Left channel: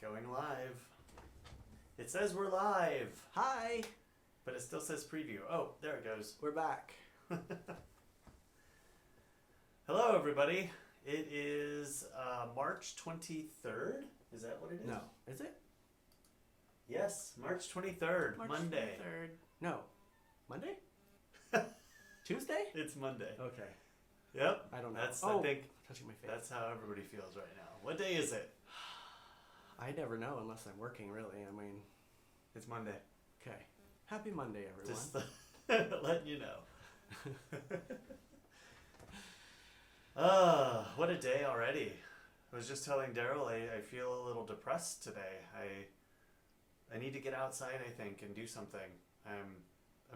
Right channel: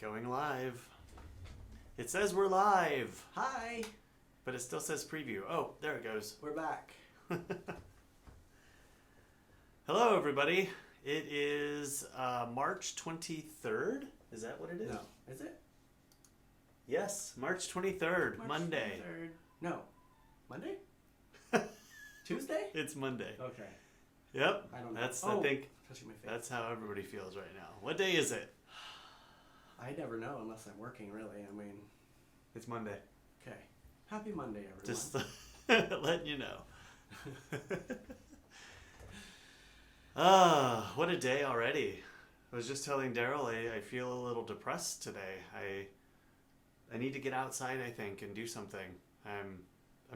Going live. It says we're live, Hi, but it still says preview. Oh, there it goes. we're back. Hello, everybody. It is March 23rd. Is that what it is? No, is it? Yes, March 23rd, March Monday. 23rd. No, Monday? Tuesday? It's Monday. Okay. Yep. I don't know. That's, Oh, I think, touching my face. that's how everybody feels right now. What day is it? I never know unless I'm working, really. I mean, It's Monday. okay. Happy Monday, everyone. Just letting you know. What a day already. I was just telling Derrol I feel a little depressed today. I need to get outside, I think, and do something. I'm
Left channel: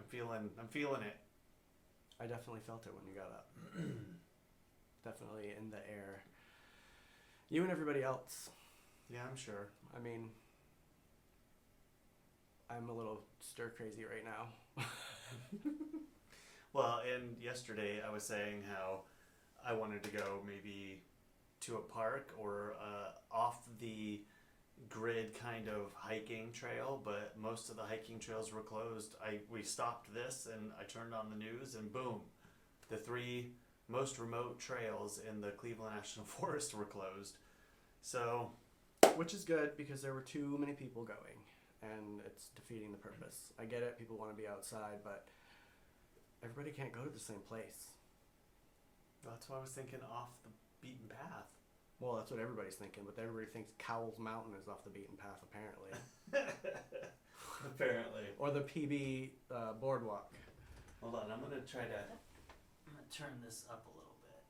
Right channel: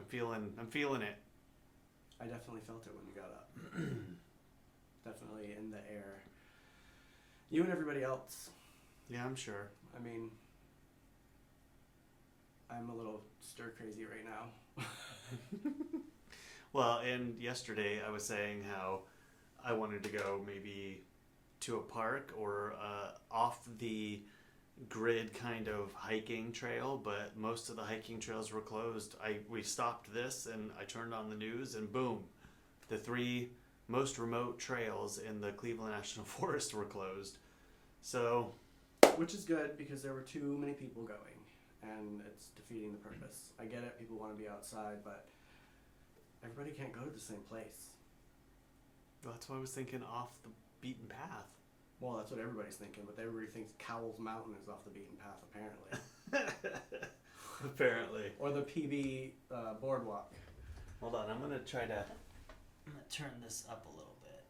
feeling it. I definitely felt it when you got up. Definitely in the air. You and everybody else. Yeah, I'm sure. I mean, I'm a little stir crazy right now. Well, and yesterday I was saying how I wanted to go maybe to a park or off the grid kind of hiking trail, but most of the hiking trails were closed. We stopped this and I turned on the news and boom, the 3 most remote trails in the Cleveland National Forest were closed. So, Which is good because there were too many people going and it's defeating the purpose. I get it, people want to be outside, but everybody can't go to the same place. that's why I was thinking off the beaten path. Well, that's what everybody's thinking, but everybody thinks Cowles Mountain is off the beaten path, apparently. Apparently. Or the PB boardwalk. Hold on, I'm gonna turn this up a little bit.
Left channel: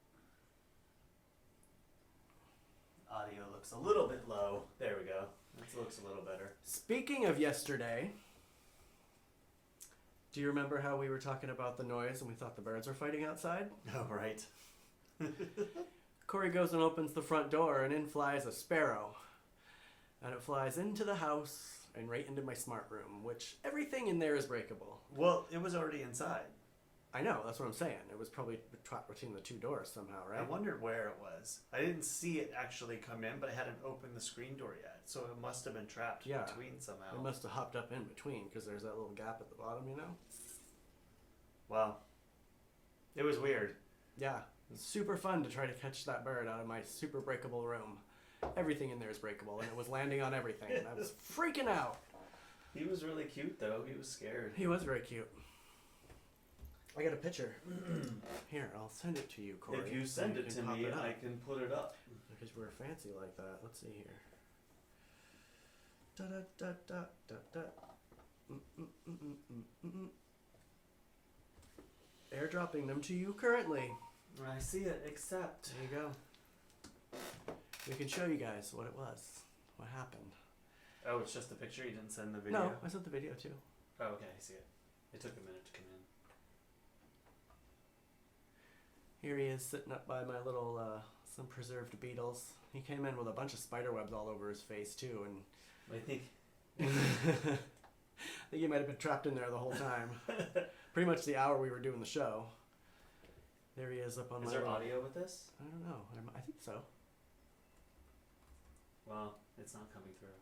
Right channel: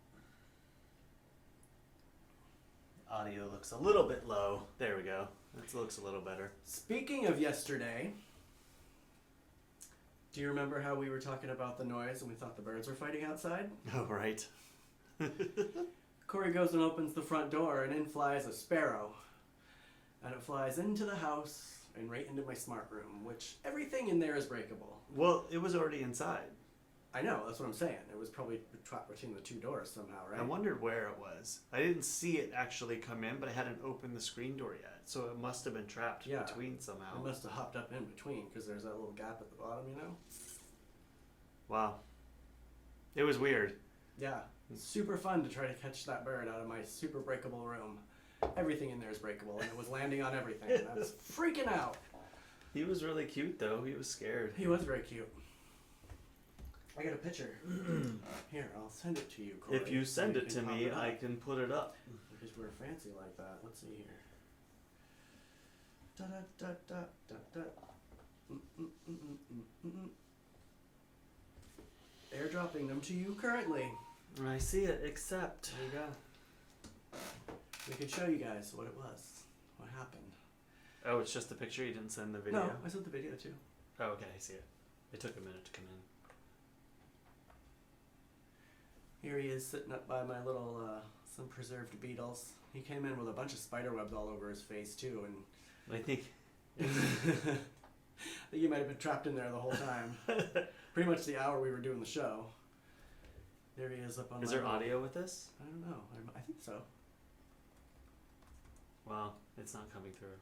Audio looks a little bit low. There we go. That looks a little better. Speaking of yesterday, do you remember how we were talking about the noise and we thought the birds were fighting outside? Oh, right. Cory goes and opens the front door and in flies a sparrow. And it flies into the house and right into my smart room, which everything in there is breakable. Well, it was already inside. I know, that's what I'm saying. It was probably trapped between the 2 doors somehow, right? I wondered where it was. I didn't see it actually come in, but I hadn't opened the screen door yet. So it must have been trapped between somehow. It must have hopped up in between because there's that little gap at the bottom, you know? Wow. It was weird. Yeah. Super fun to try to catch that bird out of my super breakable room. Everything in there is breakable, and it was landing on everything. And I was freaking out. He was really cute, though. He was scared. He was very cute. I got a picture. Here, I'll send it to you, Cory. If you send it to me, I can put it up. Because we're fancy like that. Let's see here. Da da da da da da. Airdropping them to you currently. I see it, except... There you go. We can show you guys what it was. What happened. Oh, it's just the picture? You didn't send the video? No, I sent the video too. Oh, okay, I see it. It took a minute to come in. Here he is sitting up by my little, some preserved beetles. He came in with a bunch of spider webs all over his face too, and... I think... I think he might have been trapped in there the whole time. Pretty much the hour we were doing the show. There he is up on Is there audio with this? I don't know. I think so. Wow, it's not coming through.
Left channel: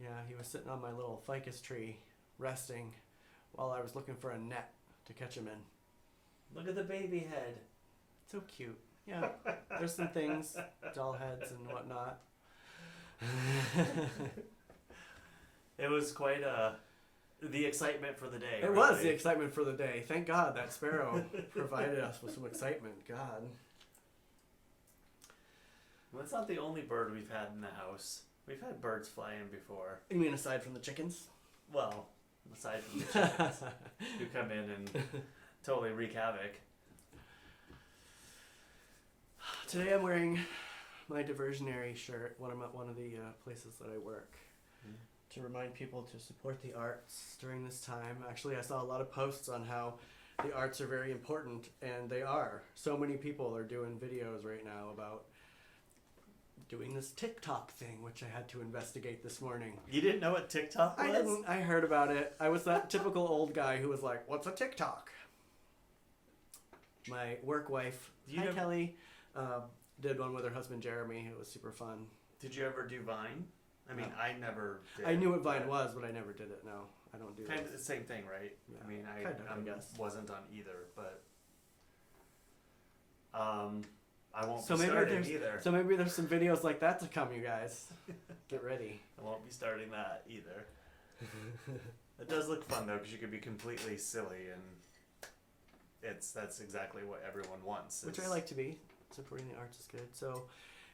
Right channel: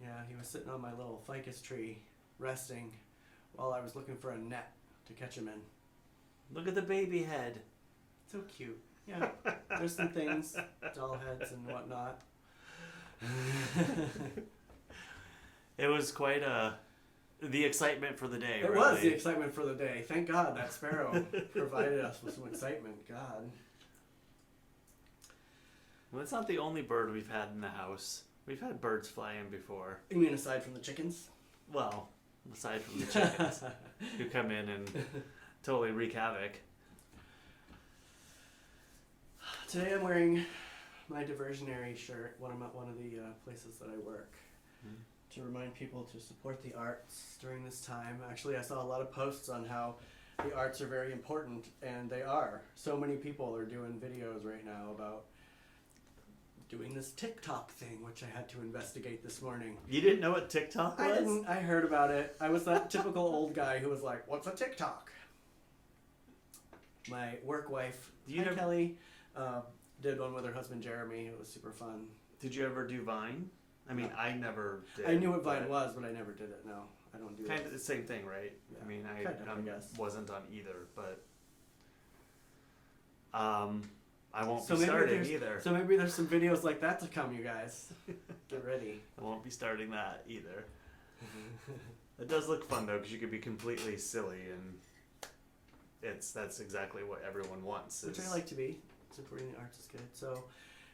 Yeah, he was sitting on my little ficus tree, resting, while I was looking for a net to catch him in. Look at the baby head. So cute. Yeah, there's some things, doll heads and whatnot. It was quite the excitement for the day. It was the excitement for the day. Thank God that sparrow provided us with some excitement. God. Well, it's not the only bird we've had in the house. We've had birds fly in before. You mean aside from the chickens? Well, aside from the chickens who come in and totally wreak havoc. Today I'm wearing my diversionary shirt when I'm at one of the places that I work. To remind people to support the arts during this time. Actually, I saw a lot of posts on how the arts are very important, and they are. So many people are doing videos right now about doing this TikTok thing, which I had to investigate this morning. You didn't know what TikTok was? I didn't. I heard about it. I was that typical old guy who was like, what's a TikTok? My work wife, hi Kelly, did one with her husband Jeremy. It was super fun. Did you ever do Vine? I mean, I never did. I knew what Vine was, but I never did it. No, I don't do Kind those. of the same thing, right? Yeah, I mean, I guess. wasn't on either, but I won't So be maybe starting there's either. so maybe there's some videos like that to come, you guys. Get ready. I won't be starting that either. It does look fun though, because you could be completely silly, and that's exactly what everyone wants. Which I like to be. Supporting the arts is good. So,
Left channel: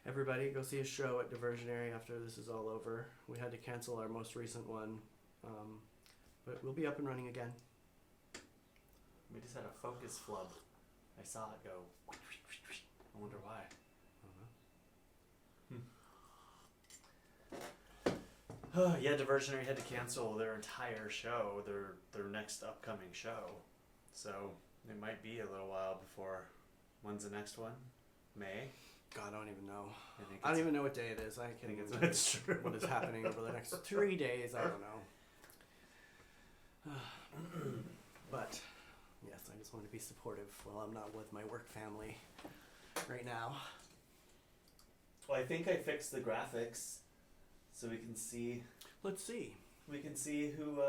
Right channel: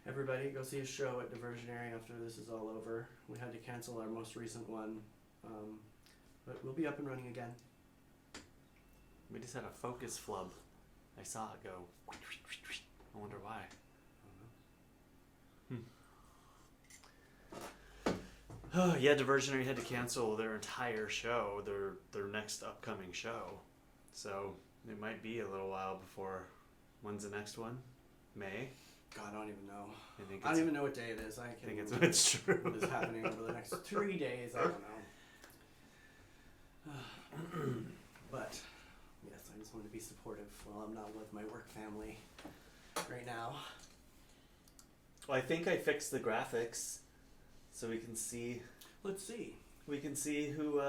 everybody, go see a show at Diversionary after this is all over. We had to cancel our most recent one, but we'll be up and running again. We just had a focus flub. I saw it go. I wonder why. Oh yeah, Diversionary had to cancel their entire show, their next upcoming show. So it might be a little while before. When's the next one? May? God, I don't even know. I I don't even know what day it is. I think can't it's true. what is happening over the next 3 days. I don't know. But yes, I just want to be supportive while I'm not with my work family right now. Well, I think I fixed the graphics, so we can see. Let's see. We can see who.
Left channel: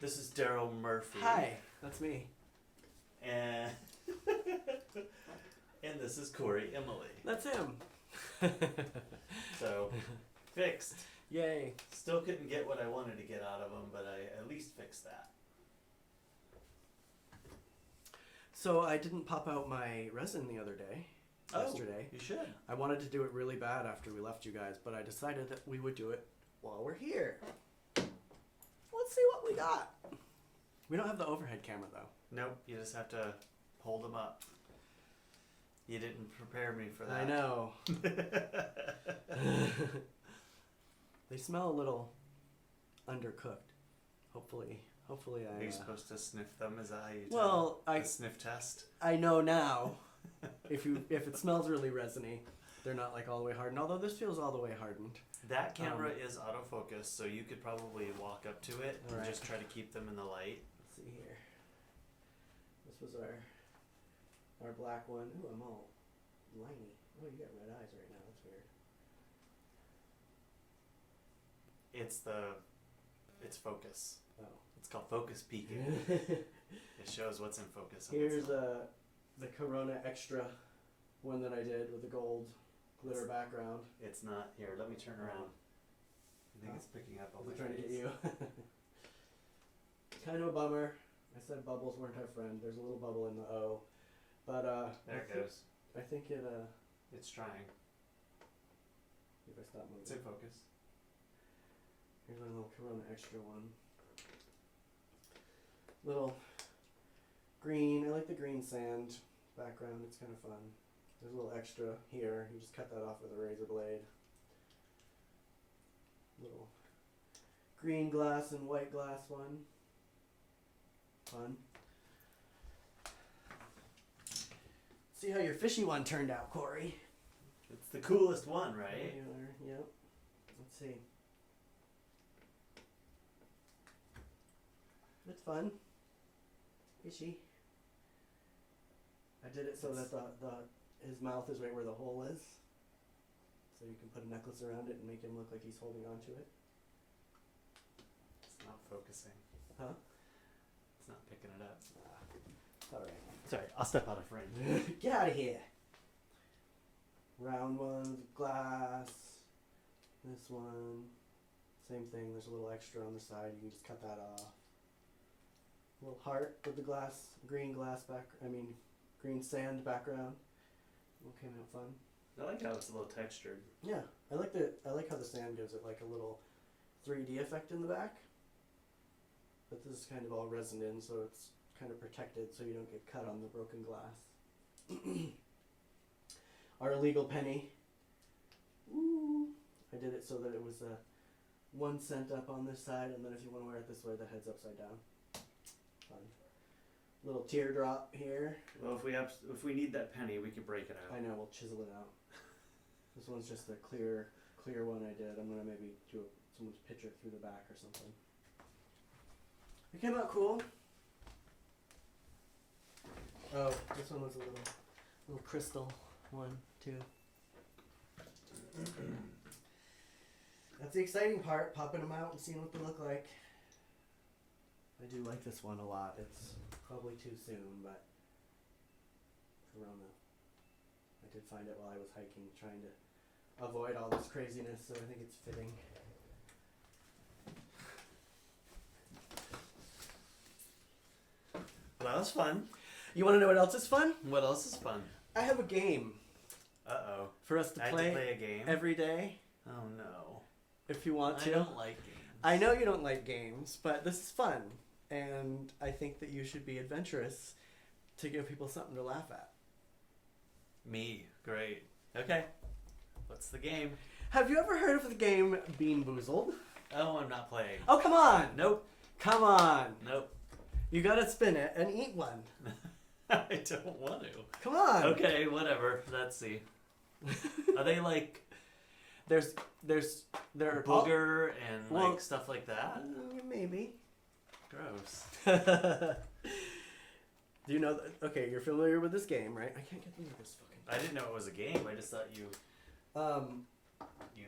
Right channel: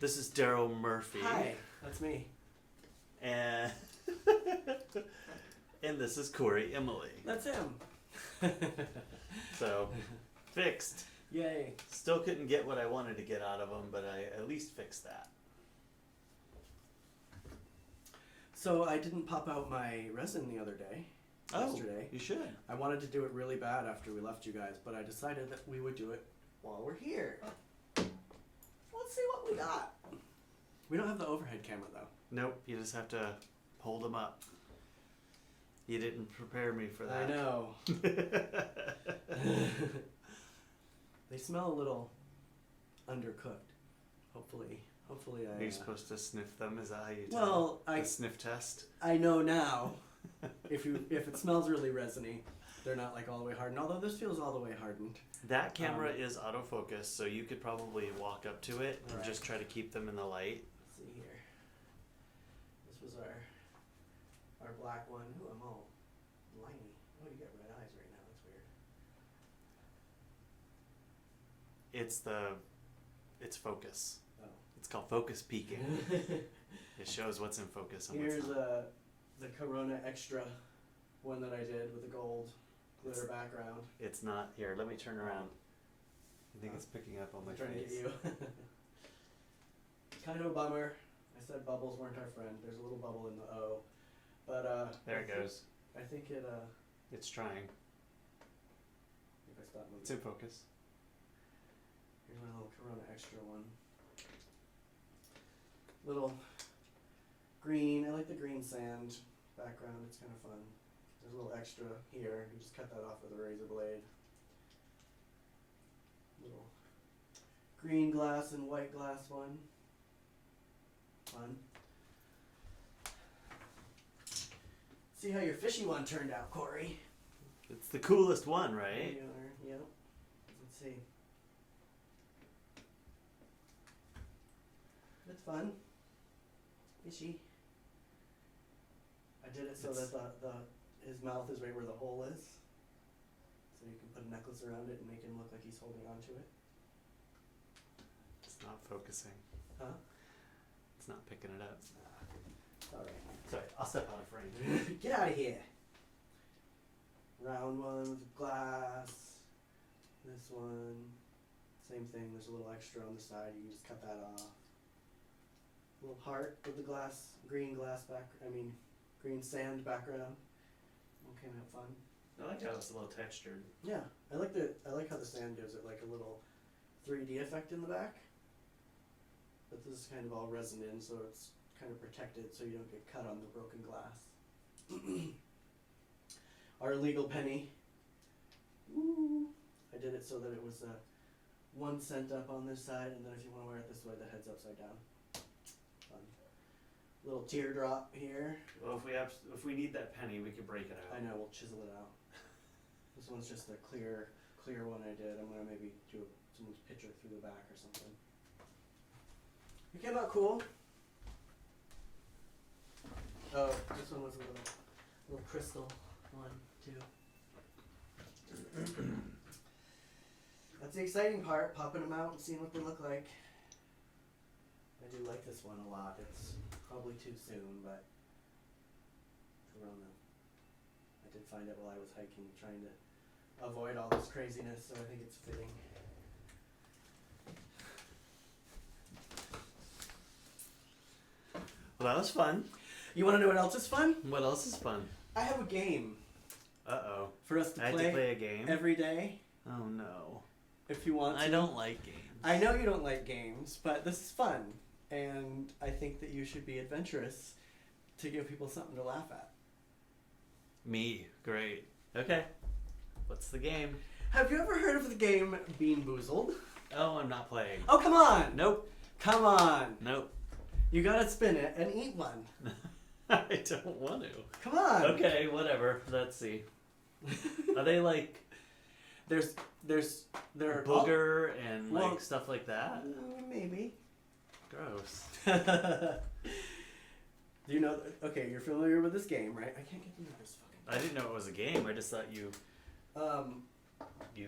This is Derrol Murphy. Hi, that's me. And and this is Cory Emily. That's him. So fixed. Yay. Still couldn't get what I wanted to get out of them, but I at least fixed that. So I didn't pop out my resin the other day. Yesterday. You should. I wanted to do it really bad after we left you guys, but I decided that we would do it while we're here. Let's see what we got. We don't have the overhead camera though. Nope, you just have to hold them up. You didn't prepare me for that. I know. They smell a little undercooked. Hopefully I. Are you supposed to sniff them? Is that how you tell? Well, the sniff test. I know now. If it smells really resiny, they're not like all the way hardened. Although this feels all the way hardened. That camera is autofocus, so you could probably walk up to it and Right. just try to keep them in the light. Let's see here. This was our black one. Ooh, I'm all liney. Oh, you got red eyes right now. That's weird. It's focus. Oh. It's called focus peaking. It shows what's in focus. And Here's what's not. the Corona Extra one that I did with the gold glitter background. It's not here. Let me turn around. I think it's picking up on my I'm trying to face. get you. Kind of a bummer. I said bubbles weren't our friend. There's a little bubble in the O, but There it goes. I think it. It's trying. If I stop moving. It's in focus. Here's my little Corona Extra one. Little green. I like the green sand background. It's kind of fun. There's a little extra here. You just cut that off with a razor blade. Little green glass and white glass one. Fun. See how your fishy one turned out, Cory. It's the coolest one, There right? you are. Yep. Let's see. It's fun. Fishy. I did it so that his mouth is right where the hole is. So you can put a necklace around it and make him look like he's holding on to it. It's not focusing. Huh? It's not picking it up. Alright. Sorry, I'll step out of frame. Get out of here. Round one with glass. This one. Same thing, there's a little extra on the side. You can just cut that off. Little heart with the green sand background. All came out fun. I like how it's a little textured. Yeah, I like how the sand gives it like a little 3D effect in the back. But this is kind of all resin in, so it's kind of protected so you don't get cut on the broken glass. Our illegal penny. Woo! I did it so that it was 1 cent up on this side, and then if you want to wear it this way, the head's upside down. Fun. Little teardrop here. Well, if we need that penny, we could break it out. I know, we'll chisel it out. This one's just the clear one I did. I'm gonna maybe do someone's picture through the back or something. It came out cool. Oh, this one was a little crystal one too. That's the exciting part, popping them out and seeing what they look like. I do like this one a lot. It's probably too soon, but I did find it while I was hiking, trying to avoid all this craziness, so I think it's fitting. Well, that was fun. You want to know what else is fun? What else is fun? I have a game Uh-oh. for us to I had play to play a game? every day. Oh, no. If you want to. I don't like games. I know you don't like games, but this is fun. And I think that you should be adventurous to give people something to laugh at. Me. Great. Okay. What's the game? Have you ever heard of the game Bean Boozled? Oh, I'm not playing. Oh, come on! Nope. Come on! Nope. You gotta spin it and eat one. I don't want to. Come on! Okay, whatever. Let's see. Are they like There are booger and like well, stuff like that? Maybe. Gross. Do you know? Okay, you're familiar with this game, right? I can't get them this fucking. I didn't know it was a game. I just thought you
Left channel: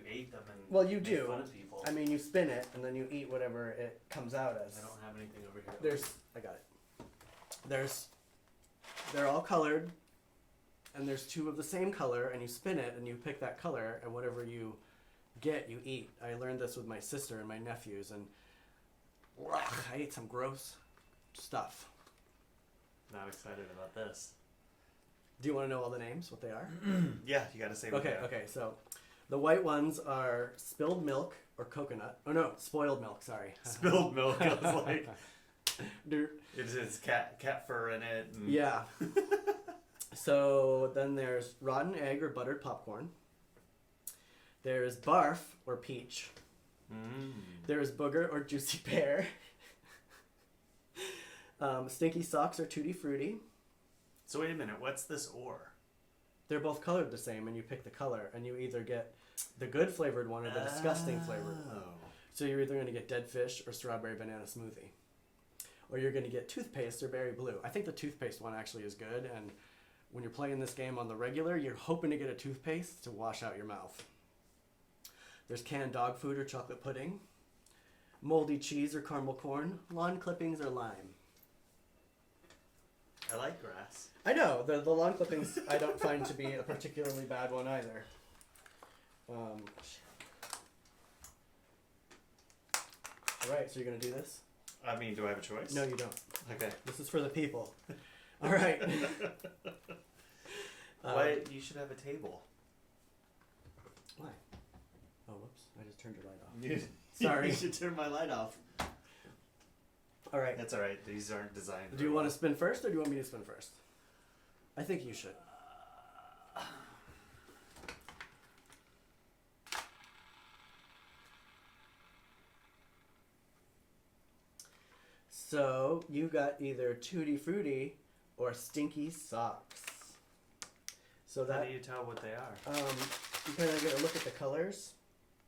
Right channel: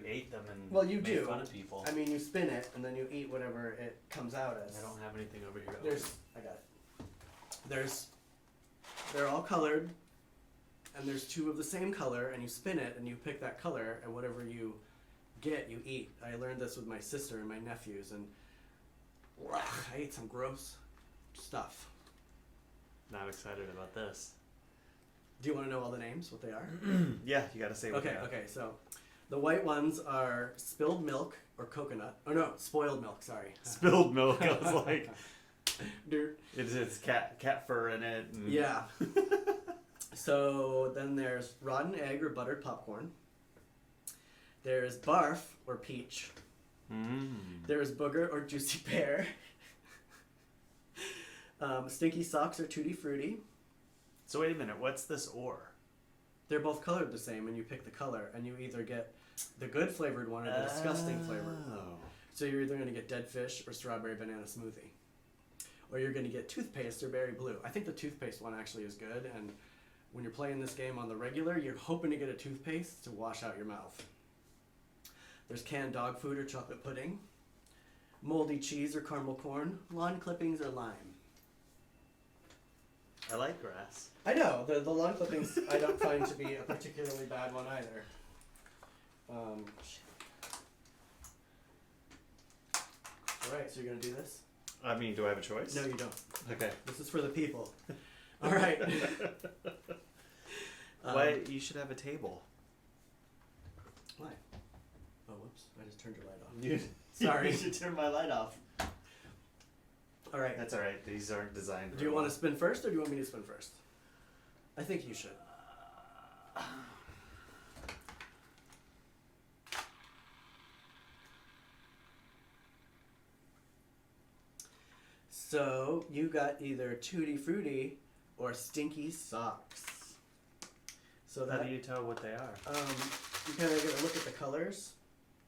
ate them and well, you made do. fun of people. I mean, you spin it and then you eat whatever it comes out as. I don't have anything over here. I got it. They're all colored, and there's two of the same color, and you spin it and you pick that color, and whatever you get, you eat. I learned this with my sister and my nephews, and I ate some gross stuff. Not excited about this. Do you want to know all the names, what they are? Yeah, you gotta say what they are. Okay, so the white ones are spilled milk or coconut. Oh no, spoiled milk, sorry. Spilled milk. I was like, it's cat fur in it. And... Yeah. So then there's rotten egg or buttered popcorn. There's barf or peach. There's booger or juicy pear. Stinky socks or tutti frutti. So wait a minute, what's this or? They're both colored the same, and you pick the color, and you either get the good flavored one or the disgusting flavored one. So you're either going to get dead fish or strawberry banana smoothie. Or you're going to get toothpaste or berry blue. I think the toothpaste one actually is good, and when you're playing this game on the regular, you're hoping to get a toothpaste to wash out your mouth. There's canned dog food or chocolate pudding. Moldy cheese or caramel corn. Lawn clippings or lime. I like grass. I know, the lawn clippings I don't find to be a particularly bad one either. Alright, so you're going to do this? I mean, do I have a choice? No, you don't. Okay. This is for the people. Alright. Why? You should have a table. Why? Oh, whoops. I just turned your light off. Sorry. You should turn my light off. Alright. That's alright. These aren't designed. Do you want to spin first, or do you want me to spin first? I think you should. So, you got either Tutti Frutti or Stinky Socks. So How do you tell what they are? You kind of get a look at the colors.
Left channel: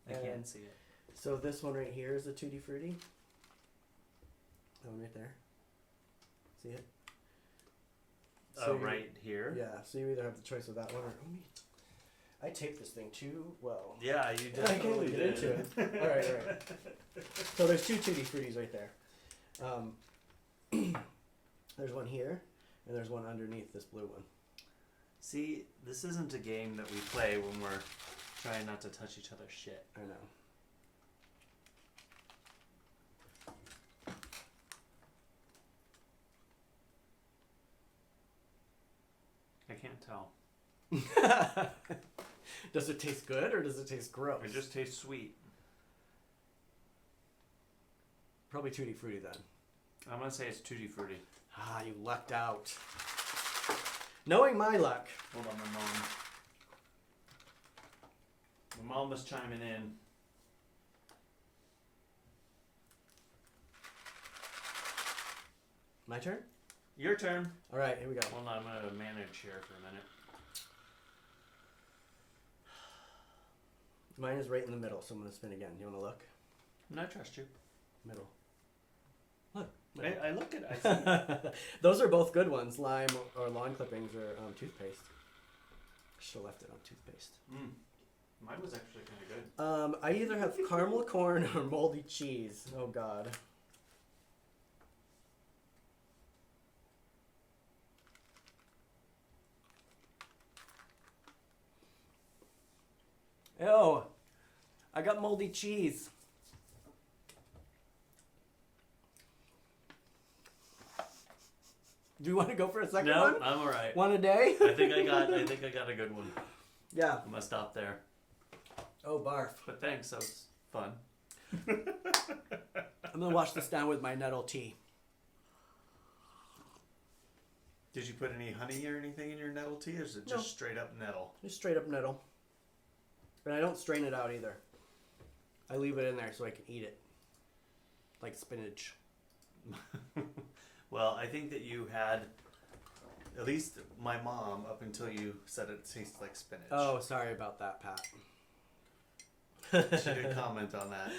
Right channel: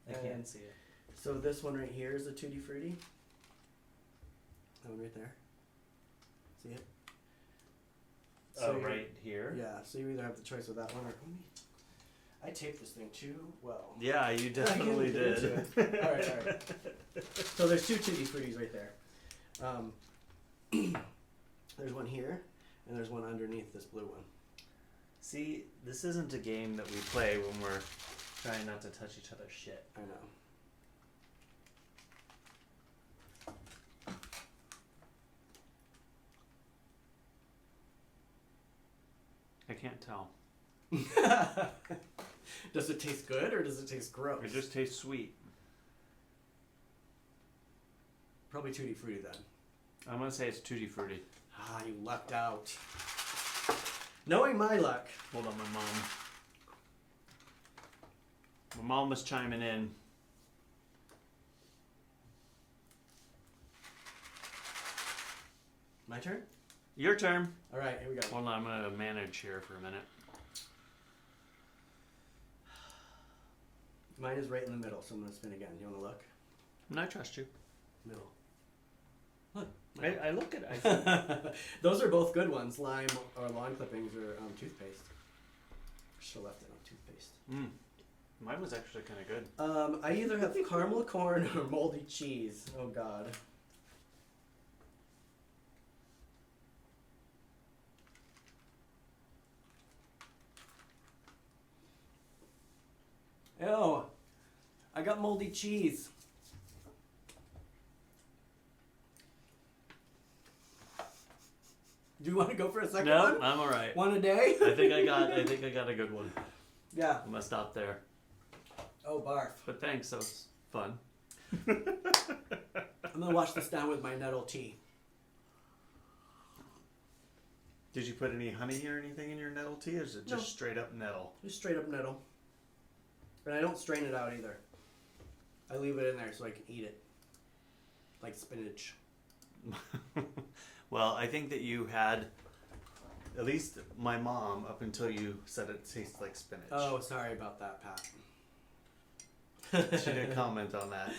I can't see it. So this one right here is a Tutti Frutti. That one right there. See it? So right here? Yeah, so you either have the choice with that one or... I taped this thing too well. Yeah, you definitely did. Alright. So there's two Tutti Fruttis right there. There's one here, and there's one underneath this blue one. See, this isn't a game that we play when we're trying not to touch each other's shit. I know. I can't tell. Does it taste good or does it taste gross? It just tastes sweet. Probably Tutti Frutti then. I'm gonna say it's Tutti Frutti. Ah, you lucked out. Knowing my luck. Hold on, my mom was chiming in. My turn? Your turn. All right, here we go. Hold on, I'm gonna manage here for a minute. Mine is right in the middle, so I'm gonna spin again. You wanna look? No, I trust you. Middle. Look. I look at it. I see. Those are both good ones. Lime or lawn clippings or toothpaste. Should have left it on toothpaste. Mine was actually kind of good. I either have caramel corn or moldy cheese. Oh God. Ew. I got moldy cheese. Do you want to go for a second one? No, I'm all right. One a day? I think I got a good one. Yeah. I'm gonna stop there. Oh, barf. But thanks, that was fun. I'm gonna wash this down with my nettle tea. Did you put any honey or anything in your nettle tea, or is it just No. straight up nettle? Just straight up nettle. And I don't strain it out either. I leave it in there so I can eat it. Like spinach. Well, I think that you had, at least my mom, up until you said it tastes like spinach. Oh, sorry about that, Pat. She did comment on that.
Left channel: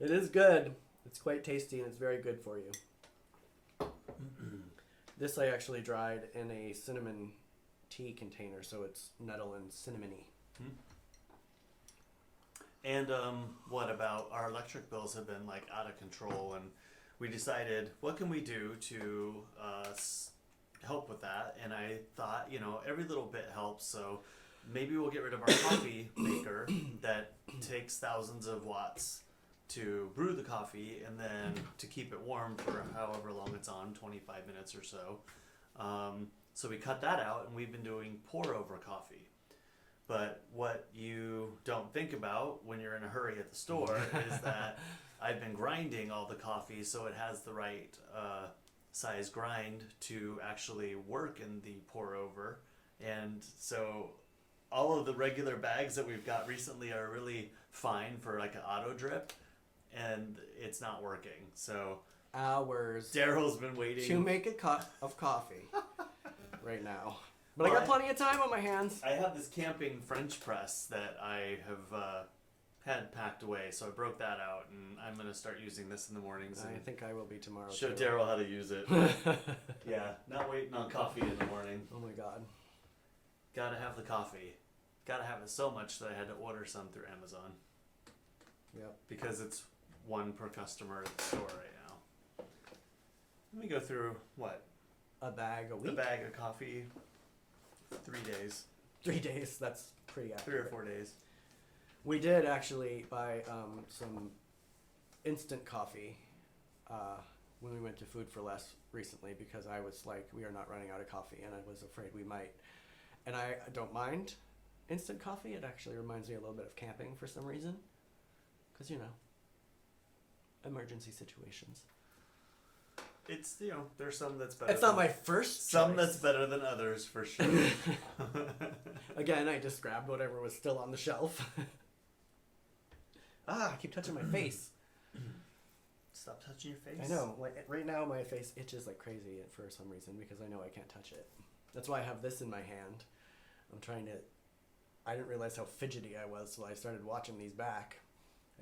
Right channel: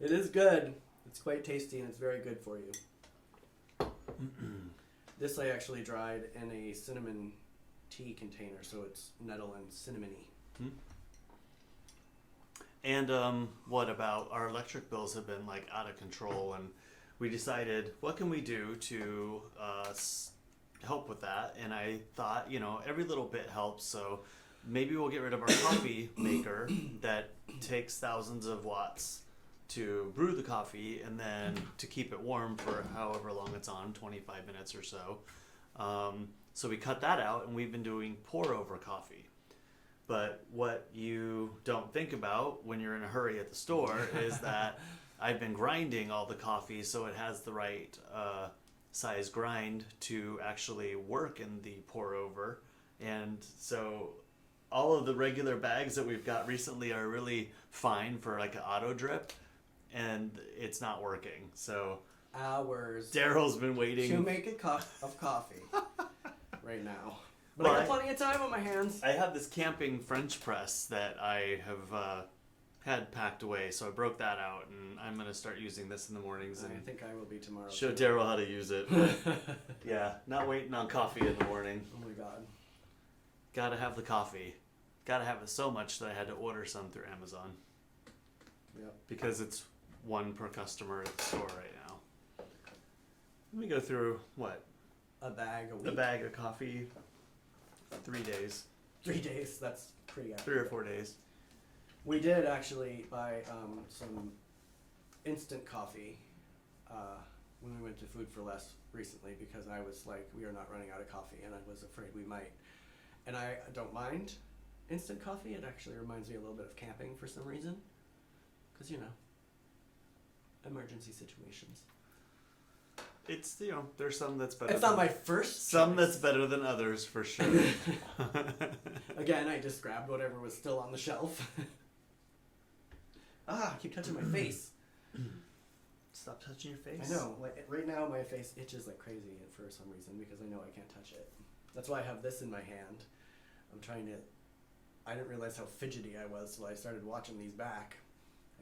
It is good. It's quite tasty and it's very good for you. This I actually dried in a cinnamon tea container, so it's nettle and cinnamony. And what about our electric bills have been like out of control, and we decided what can we do to help with that, and I thought, every little bit helps, so maybe we'll get rid of our coffee maker that takes thousands of watts to brew the coffee and then to keep it warm for however long it's on, 25 minutes or so. So we cut that out, and we've been doing pour over coffee. But what you don't think about when you're in a hurry at the store is that I've been grinding all the coffee so it has the right size grind to actually work in the pour over. And so all of the regular bags that we've got recently are really fine for like an auto drip, and it's not working. So Hours Derrol's been waiting to make a cup of coffee right now. But I got plenty of time on my hands. I have this camping French press that I have had packed away, so I broke that out, and I'm going to start using this in the mornings and I think I will be tomorrow. show too. Derrol how to use it. Yeah, not waiting on coffee in the morning. Oh my God. Gotta have the coffee. Gotta have it so much that I had to order some through Amazon. Yep. Because it's one per customer at the store right now. Let me go through, what? A bag a week? A bag of coffee. 3 days. 3 days. That's pretty 3 accurate. or 4 days. We did actually buy some instant coffee when we went to Food for Less recently, because I was like, we are not running out of coffee, and I was afraid we might. And I don't mind instant coffee. It actually reminds me a little bit of camping for some reason, because emergency situations. It's, there's some that's better. It's not my first Some choice. that's better than others, for sure. Again, I just grabbed whatever was still on the shelf. I keep touching my face. Stop touching your face. I know. Like right now, my face itches like crazy for some reason because I know I can't touch it. That's why I have this in my hand. I didn't realize how fidgety I was till I started watching these back.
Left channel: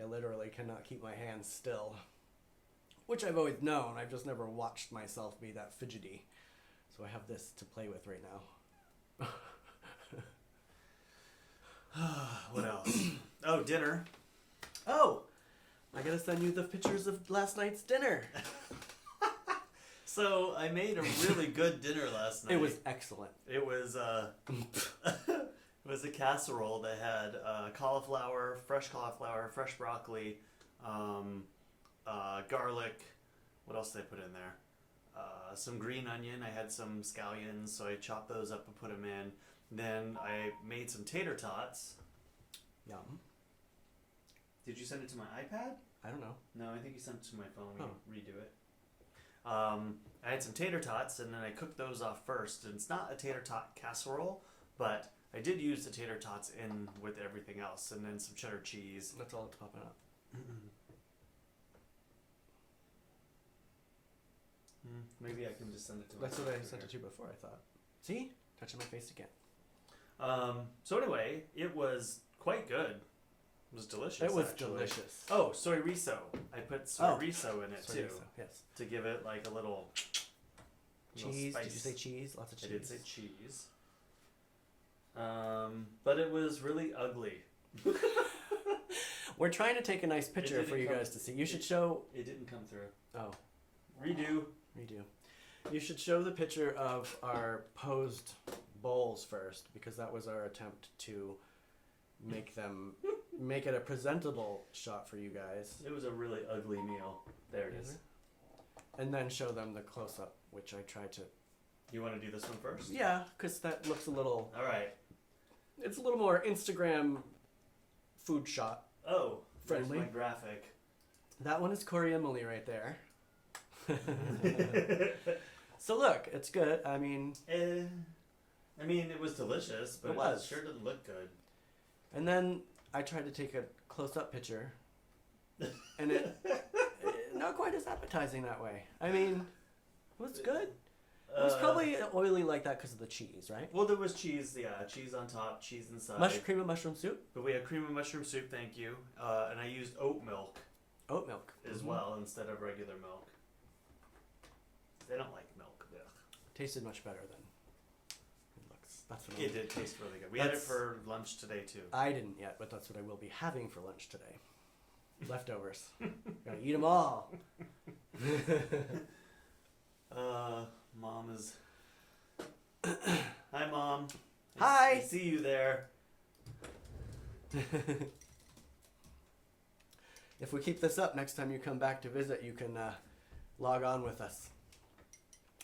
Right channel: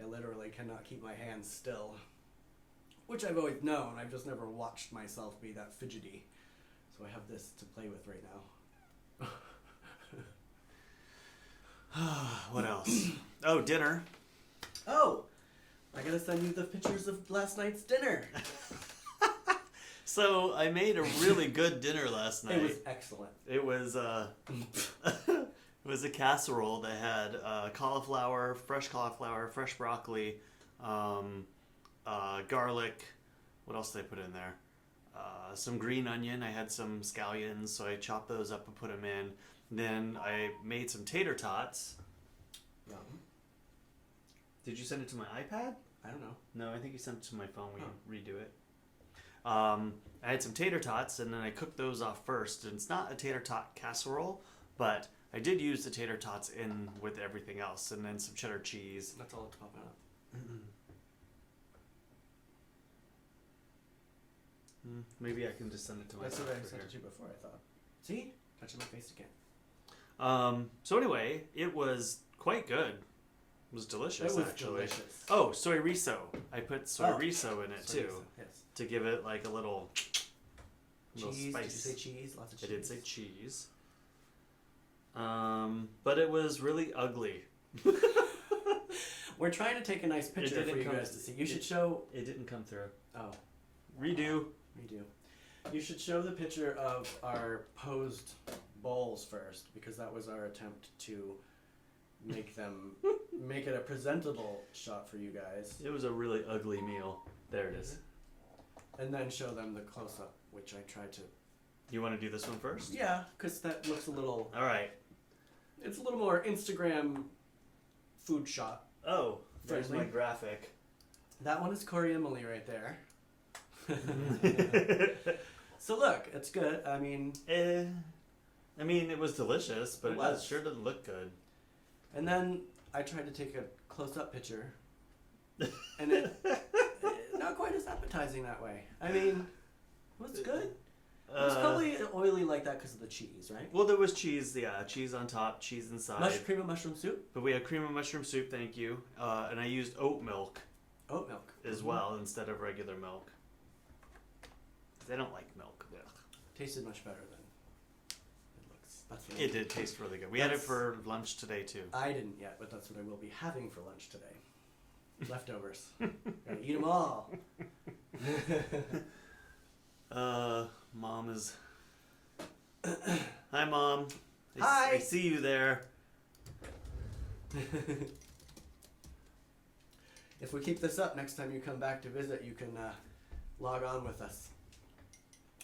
I literally cannot keep my hands still. Which I've always known. I've just never watched myself be that fidgety. So I have this to play with right now. What else? Oh, dinner. Oh! I gotta send you the pictures of last night's dinner. So I made a really good dinner last night. It was excellent. It was it was a casserole that had cauliflower, fresh broccoli, garlic. What else did I put in there? Some green onion. I had some scallions, so I chopped those up and put them in. Then I made some tater tots. Yum. Did you send it to my iPad? I don't know. No, I think you sent it to my phone when you redo it. I had some tater tots, and then I cooked those off first. And it's not a tater tot casserole, but I did use the tater tots in with everything else, and then some cheddar cheese. That's all that's popping up. Maybe I can just send it to That's myself. what I over sent here. it to before, I thought. See? Touching my face again. So anyway, it was quite good. It was delicious, It was actually. delicious. Oh, soy riso. I put soy riso in it, Soy too. miso, yes. To give it, like, a little Cheese. spice. Did you say cheese? Lots of cheese. I did say cheese. But it was really ugly. We're trying to take a nice picture for you guys to see. You should show... It didn't come through. Oh. Redo. You should show the picture of our posed bowls first, because that was our attempt to make it a presentable shot for you guys. It was a really ugly meal. There it is. And then show them the close-up, which I tried to... You want to do this one first? Yeah, because that looks a little... All right. It's a little more Instagram food shot. Oh, there's friendly. my graphic. That one is Cory Emily right there. So look, it's good. I mean, it was delicious, but It was. it sure didn't look good. and then I tried to take a close-up picture, and it not quite as appetizing that way. I mean, it was good. It was probably oily like that because of the cheese, right? Well, there was cheese, cheese on top, cheese inside. Cream of mushroom soup? But we had cream of mushroom soup, thank you. And I used oat milk Oat milk. as well instead of regular milk. They don't like milk. Ugh. Tasted much better than it looks. That's what It did taste really good. We had it for lunch today, too. I didn't yet, but that's what I will be having for lunch today. Leftovers. Gotta eat them all. Mom is... Hi, Mom. Hi. I see you there. If we keep this up, next time you come back to visit, you can log on with us.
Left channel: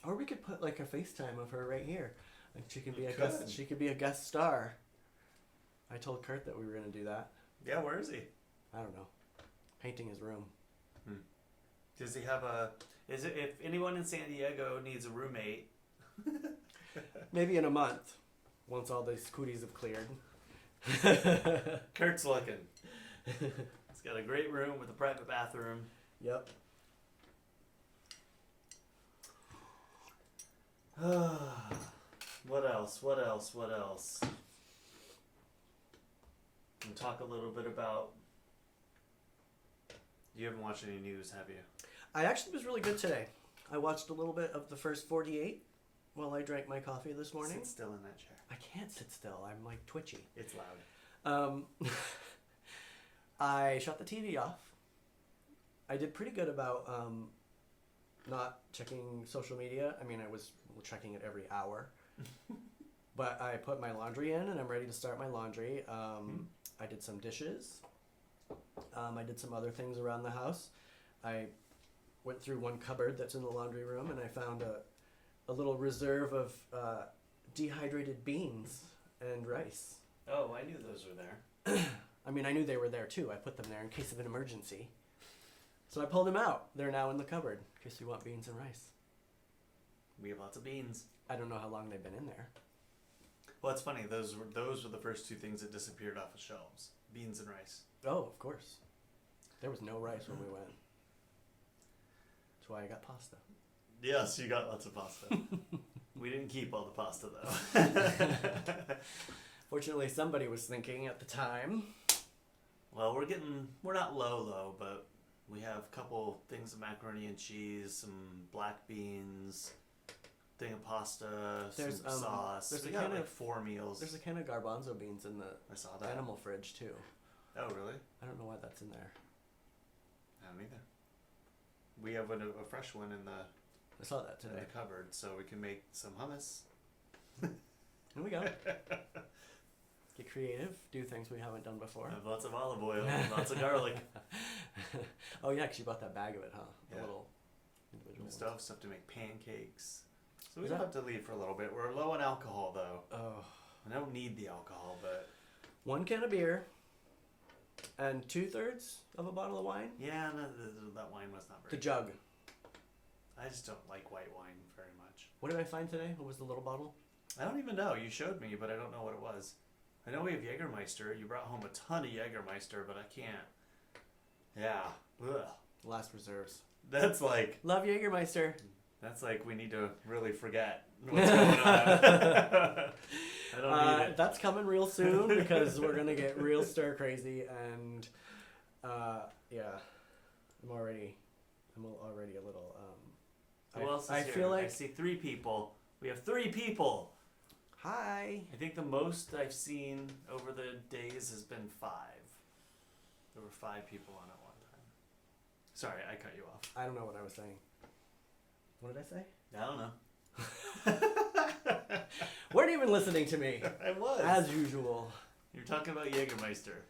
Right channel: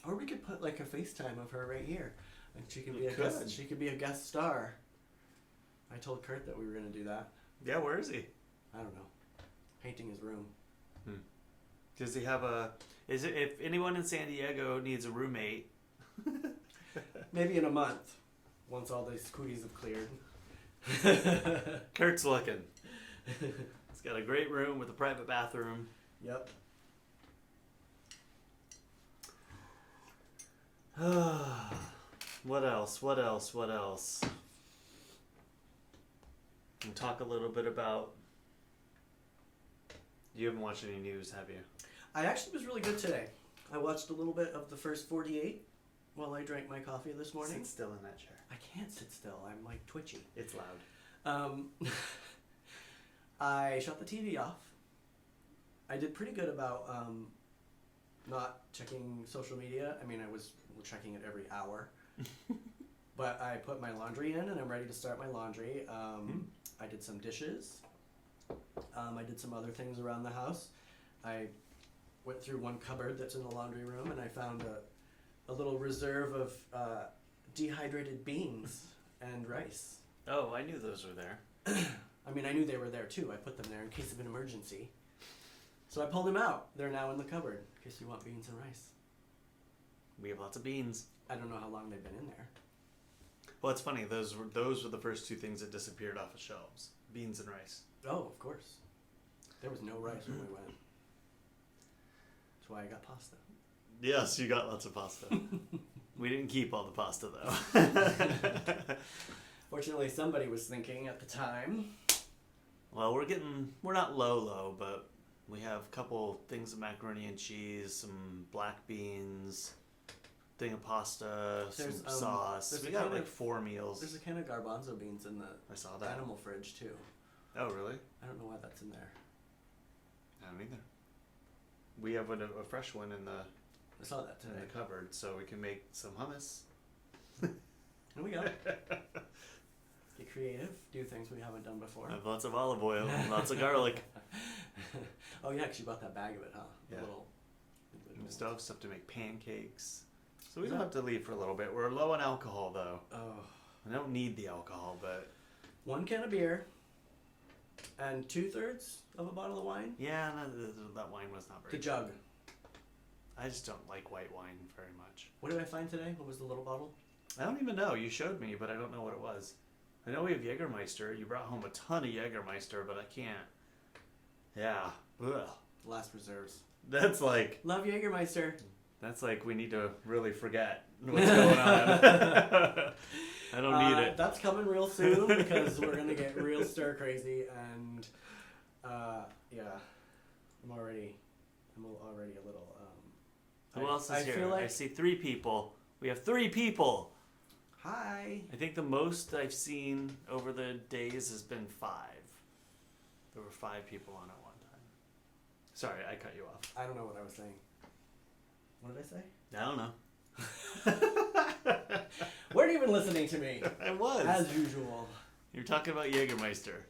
Or we could put like a FaceTime of her right here, and she can be a guest. She could be a guest star. I told Kurt that we were going to do that. Yeah, where is he? I don't know. Painting his room. Does he have a... If anyone in San Diego needs a roommate... Maybe in a month, once all these cooties have cleared. Kurt's looking. He's got a great room with a private bathroom. Yep. What else? And talk a little bit about... You haven't watched any news, have you? I actually was really good today. I watched a little bit of the first 48 while I drank my coffee this morning. Sit still in that chair. I can't sit still. I'm like twitchy. It's loud. I shut the TV off. I did pretty good about not checking social media. I mean, I was checking it every hour. But I put my laundry in, and I'm ready to start my laundry. I did some dishes. I did some other things around the house. I went through one cupboard that's in the laundry room, and I found a little reserve of dehydrated beans and rice. Oh, I knew those were there. I mean, I knew they were there too. I put them there in case of an emergency. So I pulled them out. They're now in the cupboard in case you want beans and rice. We have lots of beans. I don't know how long they've been in there. Well, it's funny. Those were the first two things that disappeared off the shelves. Beans and rice. Oh, of course. There was no rice when we went. That's why I got pasta. Yes, you got lots of pasta. We didn't keep all the pasta, though. Fortunately, somebody was thinking at the time. Well, we're not low, but we have a couple things of macaroni and cheese, some black beans, thing of pasta, some sauce. We got like 4 meals. There's a can of garbanzo beans in the I saw that. animal fridge, too. Oh, really? I don't know why that's in there. I don't either. We have a fresh one in the I saw that today. the cupboard, so we can make some hummus. Here we go. Get creative. Do things we haven't done before. I have lots of olive oil, and lots of garlic. Oh, yeah, because you bought that bag of it, huh? The Yeah. little individual Stuff to make pancakes. So we don't have to leave for a little bit. We're low on alcohol, though. Oh. I don't need the alcohol, but... 1 can of beer and 2/3 of a bottle of wine. Yeah, that wine was not very The jug. I just don't like white wine very much. What did I find today? What was the little bottle? I don't even know. You showed me, but I don't know what it was. I know we have Jägermeister. You brought home a ton of Jägermeister, but I can't. Yeah. Ugh. Last reserves. That's like Love Jägermeister. we need to really forget what's going on. I don't need it. That's coming real soon because we're gonna get real stir crazy, and yeah, I'm already a little. Who else is I here? feel like I see 3 people. We have 3 people. Hi. I think the most I've seen over the days has been 5. There were 5 people on at one time. Sorry, I cut you off. I don't know what I was saying. What did I say? I don't know. Weren't even listening to me. I was. As usual. You're talking about Jägermeister.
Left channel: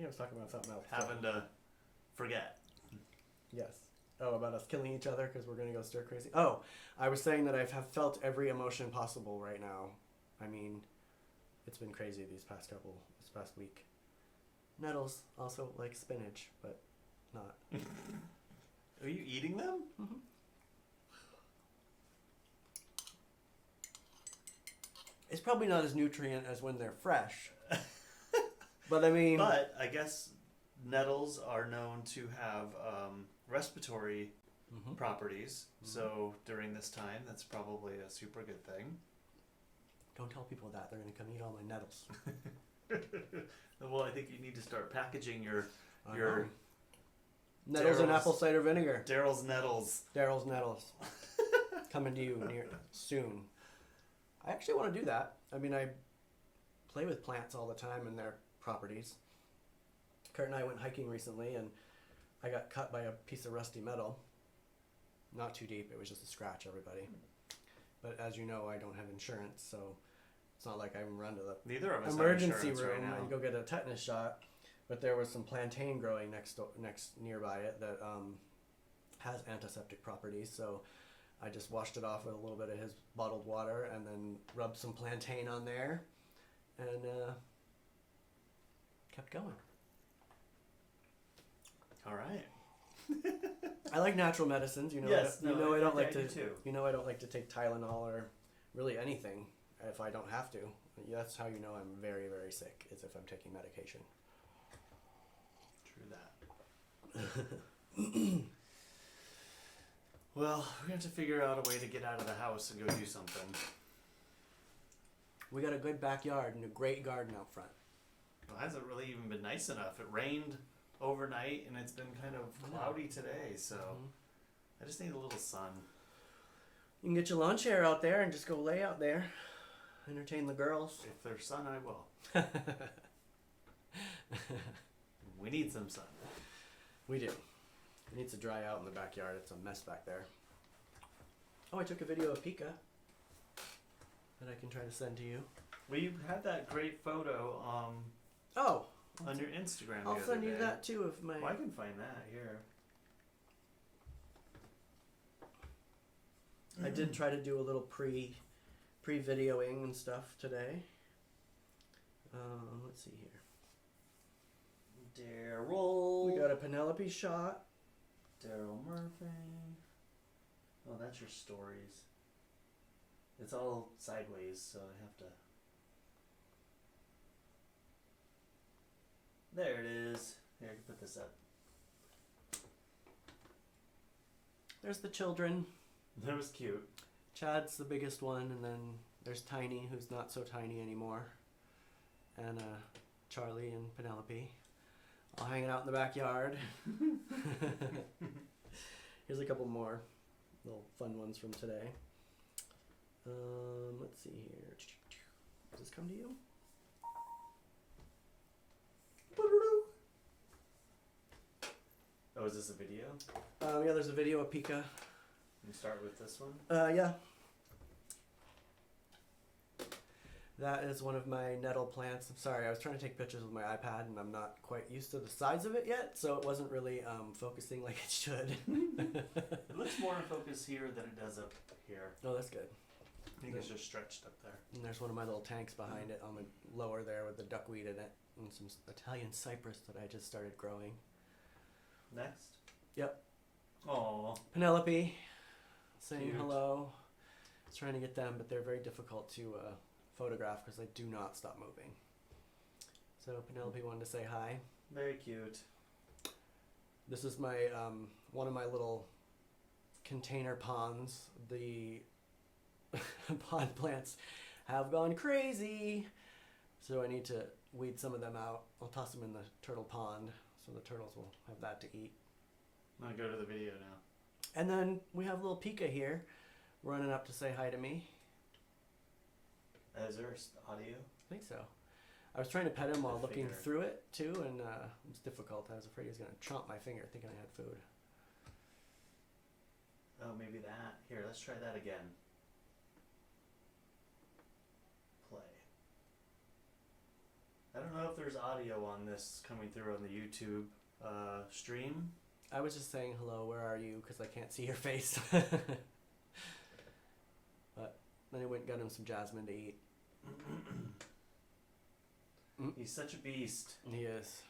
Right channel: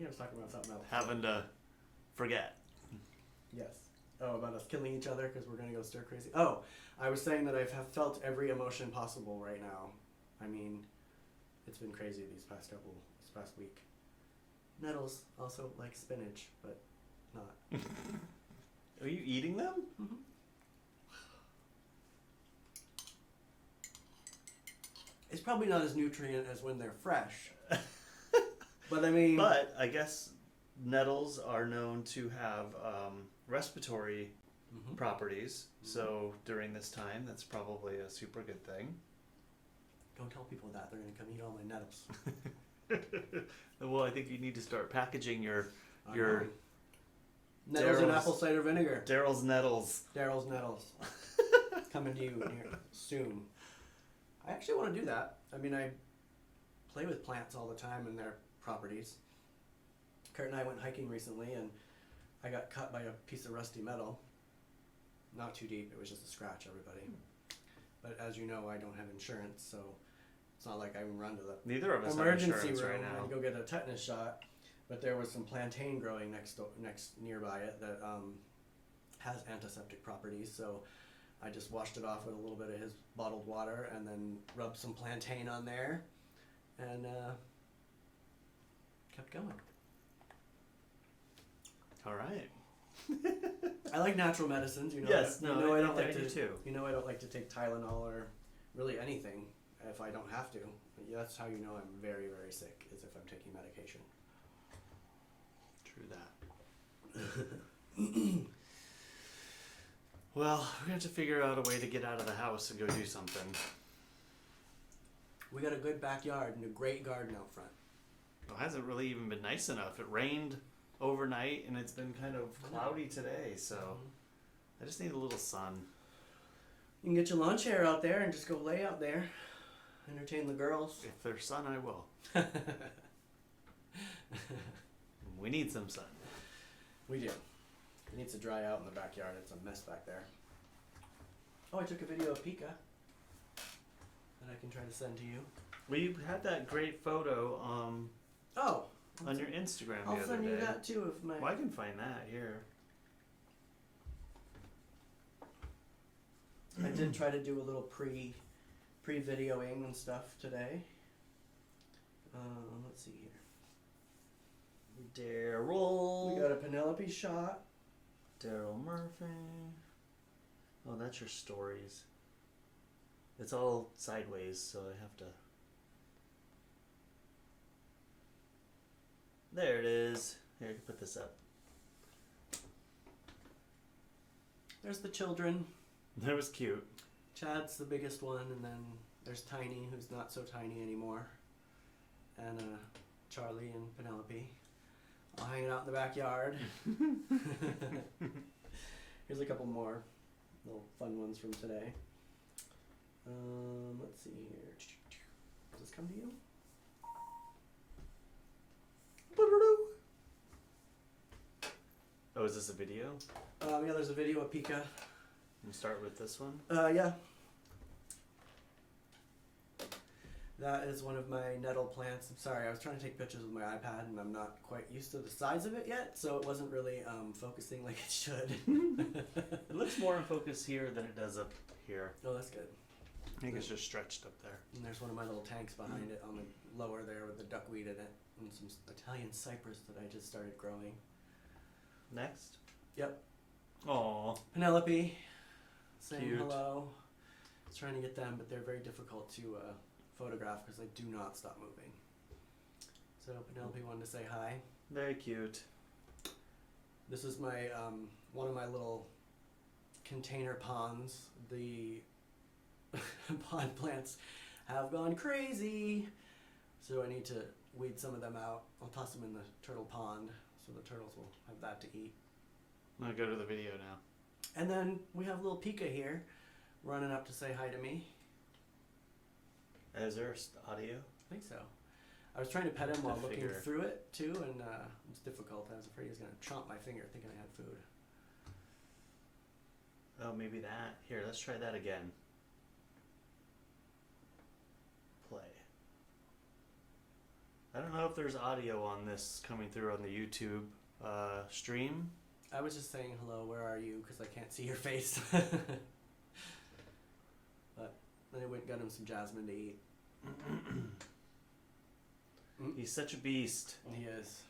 I was talking about something else. Having to forget. Yes. Oh, about us killing each other because we're going to go stir crazy. Oh, I was saying that I have felt every emotion possible right now. I mean, it's been crazy this past week. Nettles also like spinach, but not. Are you eating them? Mm-hmm. It's probably not as nutrient as when they're fresh. But I mean... But I guess nettles are known to have respiratory properties. So during this time, that's probably a super good thing. Don't tell people that. They're going to come eat all my nettles. Well, I think you need to start packaging your nettles and apple cider vinegar. Derrol's Nettles. Derrol's Nettles. Coming to you soon. I actually want to do that. I mean, I play with plants all the time and their properties. Kurt and I went hiking recently, and I got cut by a piece of rusty metal. Not too deep. It was just a scratch, everybody. But as you know, I don't have insurance, so it's not like I can run to the Neither of us emergency have room right now. and go get a tetanus shot. But there was some plantain growing next nearby it that has antiseptic properties, so I just washed it off with a little bit of his bottled water and then rubbed some plantain on there and kept going. All right. I like natural medicines, you know. Yes, no, I don't like to. too. You know, I don't like to take Tylenol or really anything if I don't have to. That's how you know I'm very, very sick, is if I'm taking medication. True that. Well, we're going to have to figure out a way to get out of the house and go do something. We got a good backyard and a great garden out front. Well, it hasn't really even been nice enough. It rained overnight and it's been kind of cloudy today, so I just need a little sun. You can get your lawn chair out there and just go lay out there. Entertain the girls. If there's sun, I will. We need some sun. We do. It needs to dry out in the backyard. It's a mess back there. Oh, I took a video of Pika that I can try to send to you. We had that great photo Oh, on your Instagram I'll the other send you day. that too of my... Well, I can find that here. I did try to do a little pre-videoing and stuff today. Let's see here. Derrol. We got a Penelope shot. Derrol Murphy. Oh, that's your stories. It's all sideways, so I have to... There it is. Here, I can put this up. There's the children. That was cute. Chad's the biggest one, and then there's Tiny, who's not so tiny anymore. And Charlie and Penelope. All hanging out in the backyard. Here's a couple more little fun ones from today. Let's see here. Does this come to you? Oh, is this a video? Yeah, there's a video of Pika. We'll start with this one. Yeah. That is one of my nettle plants. I'm sorry, I was trying to take pictures with my iPad and I'm not quite used to the size of it yet, so it wasn't really focusing like it should. It looks more in focus here than it does up here. Oh, that's good. I think it's just stretched up there. And there's one of my little tanks behind it on the lower there with the duckweed in it and some Italian cypress that I just started growing. Next. Yep. Aww. Penelope saying Cute. hello. I was trying to get them, but they're very difficult to photograph because they do not stop moving. So Penelope wanted to say hi. Very cute. This is my one of my little container ponds. The pond plants have gone crazy. So I need to weed some of them out. I'll toss them in the turtle pond so the turtles will have that to eat. I'm going to go to the video now. And then we have little Pika here running up to say hi to me. Is there audio? I think so. I was trying to pet him while looking finger. through it too, and it was difficult. I was afraid he was going to chomp my finger thinking I had food. Oh, maybe that. Here, let's try that again. Play. I don't know if there's audio on this coming through on the YouTube stream. I was just saying hello, where are you? Because I can't see your face. But then I went and got him some jasmine to eat. He's such a beast. He is.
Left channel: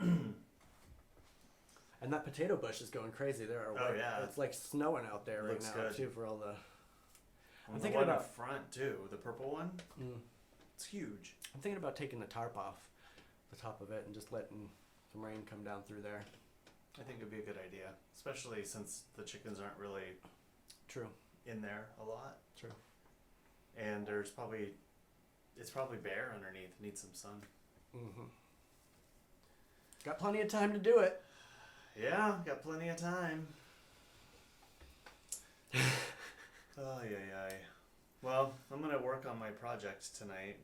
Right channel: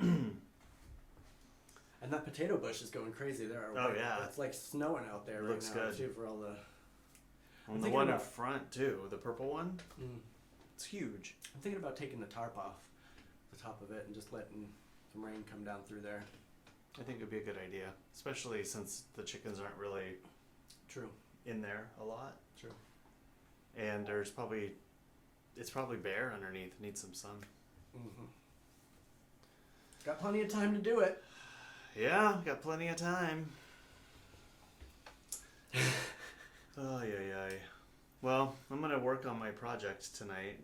And that potato bush is going crazy. There are it's like snowing out there right now too for all the. And the one up front too, the purple one. It's huge. I'm thinking about taking the tarp off the top of it and just letting some rain come down through there. I think it'd be a good idea, especially since the chickens aren't really true in there a lot. True. And it's probably bare underneath. It needs some sun. Mm-hmm. Got plenty of time to do it. Yeah, got plenty of time. Ay. Well, I'm going to work on my project tonight,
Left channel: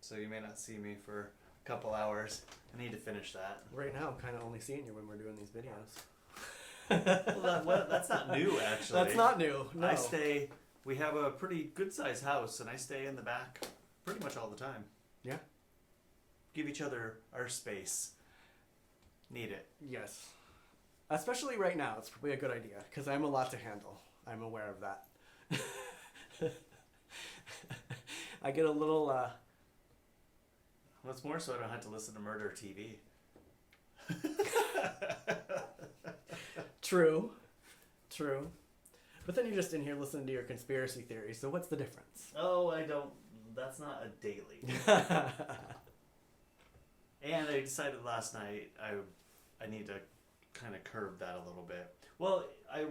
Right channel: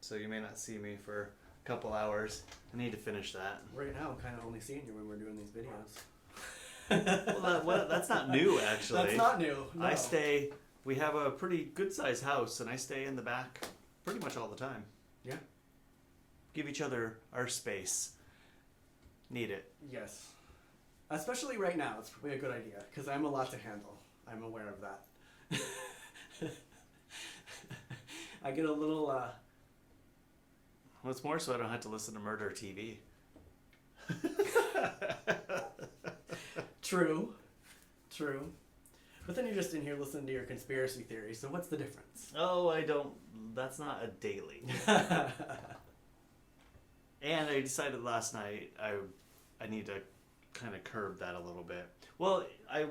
so you may not see me for a couple hours. I need to finish that. Right now, I'm kind of only seeing you when we're doing these videos. Well, that's not new, actually. That's not new. No. We have a pretty good-sized house, and I stay in the back pretty much all the time. Yeah. Give each other our space. Need it. Yes. Especially right now, it's probably a good idea, because I'm a lot to handle. I'm aware of that. I get a little, What's more, so I don't have to listen to Murder TV. True. But then you're just in here listening to your conspiracy theories, so what's the difference? Oh, that's not a daily. And I decided last night I need to kind of curb that a little bit. Well, I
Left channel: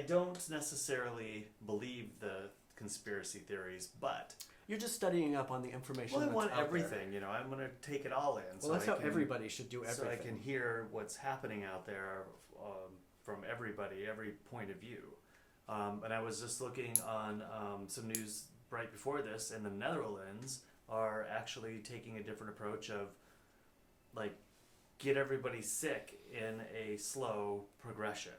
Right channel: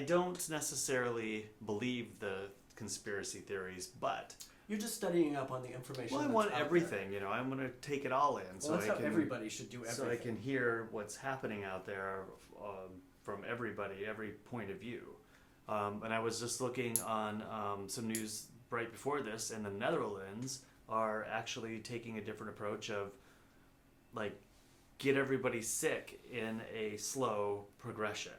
don't necessarily believe the conspiracy theories, but you're just studying up on the information. Well, I want everything, there. I'm going to take it all in. Well, that's how everybody should do everything. So I can hear what's happening out there from everybody, every point of view. And I was just looking on some news right before this, and the Netherlands are actually taking a different approach of, like, get everybody sick in a slow progression.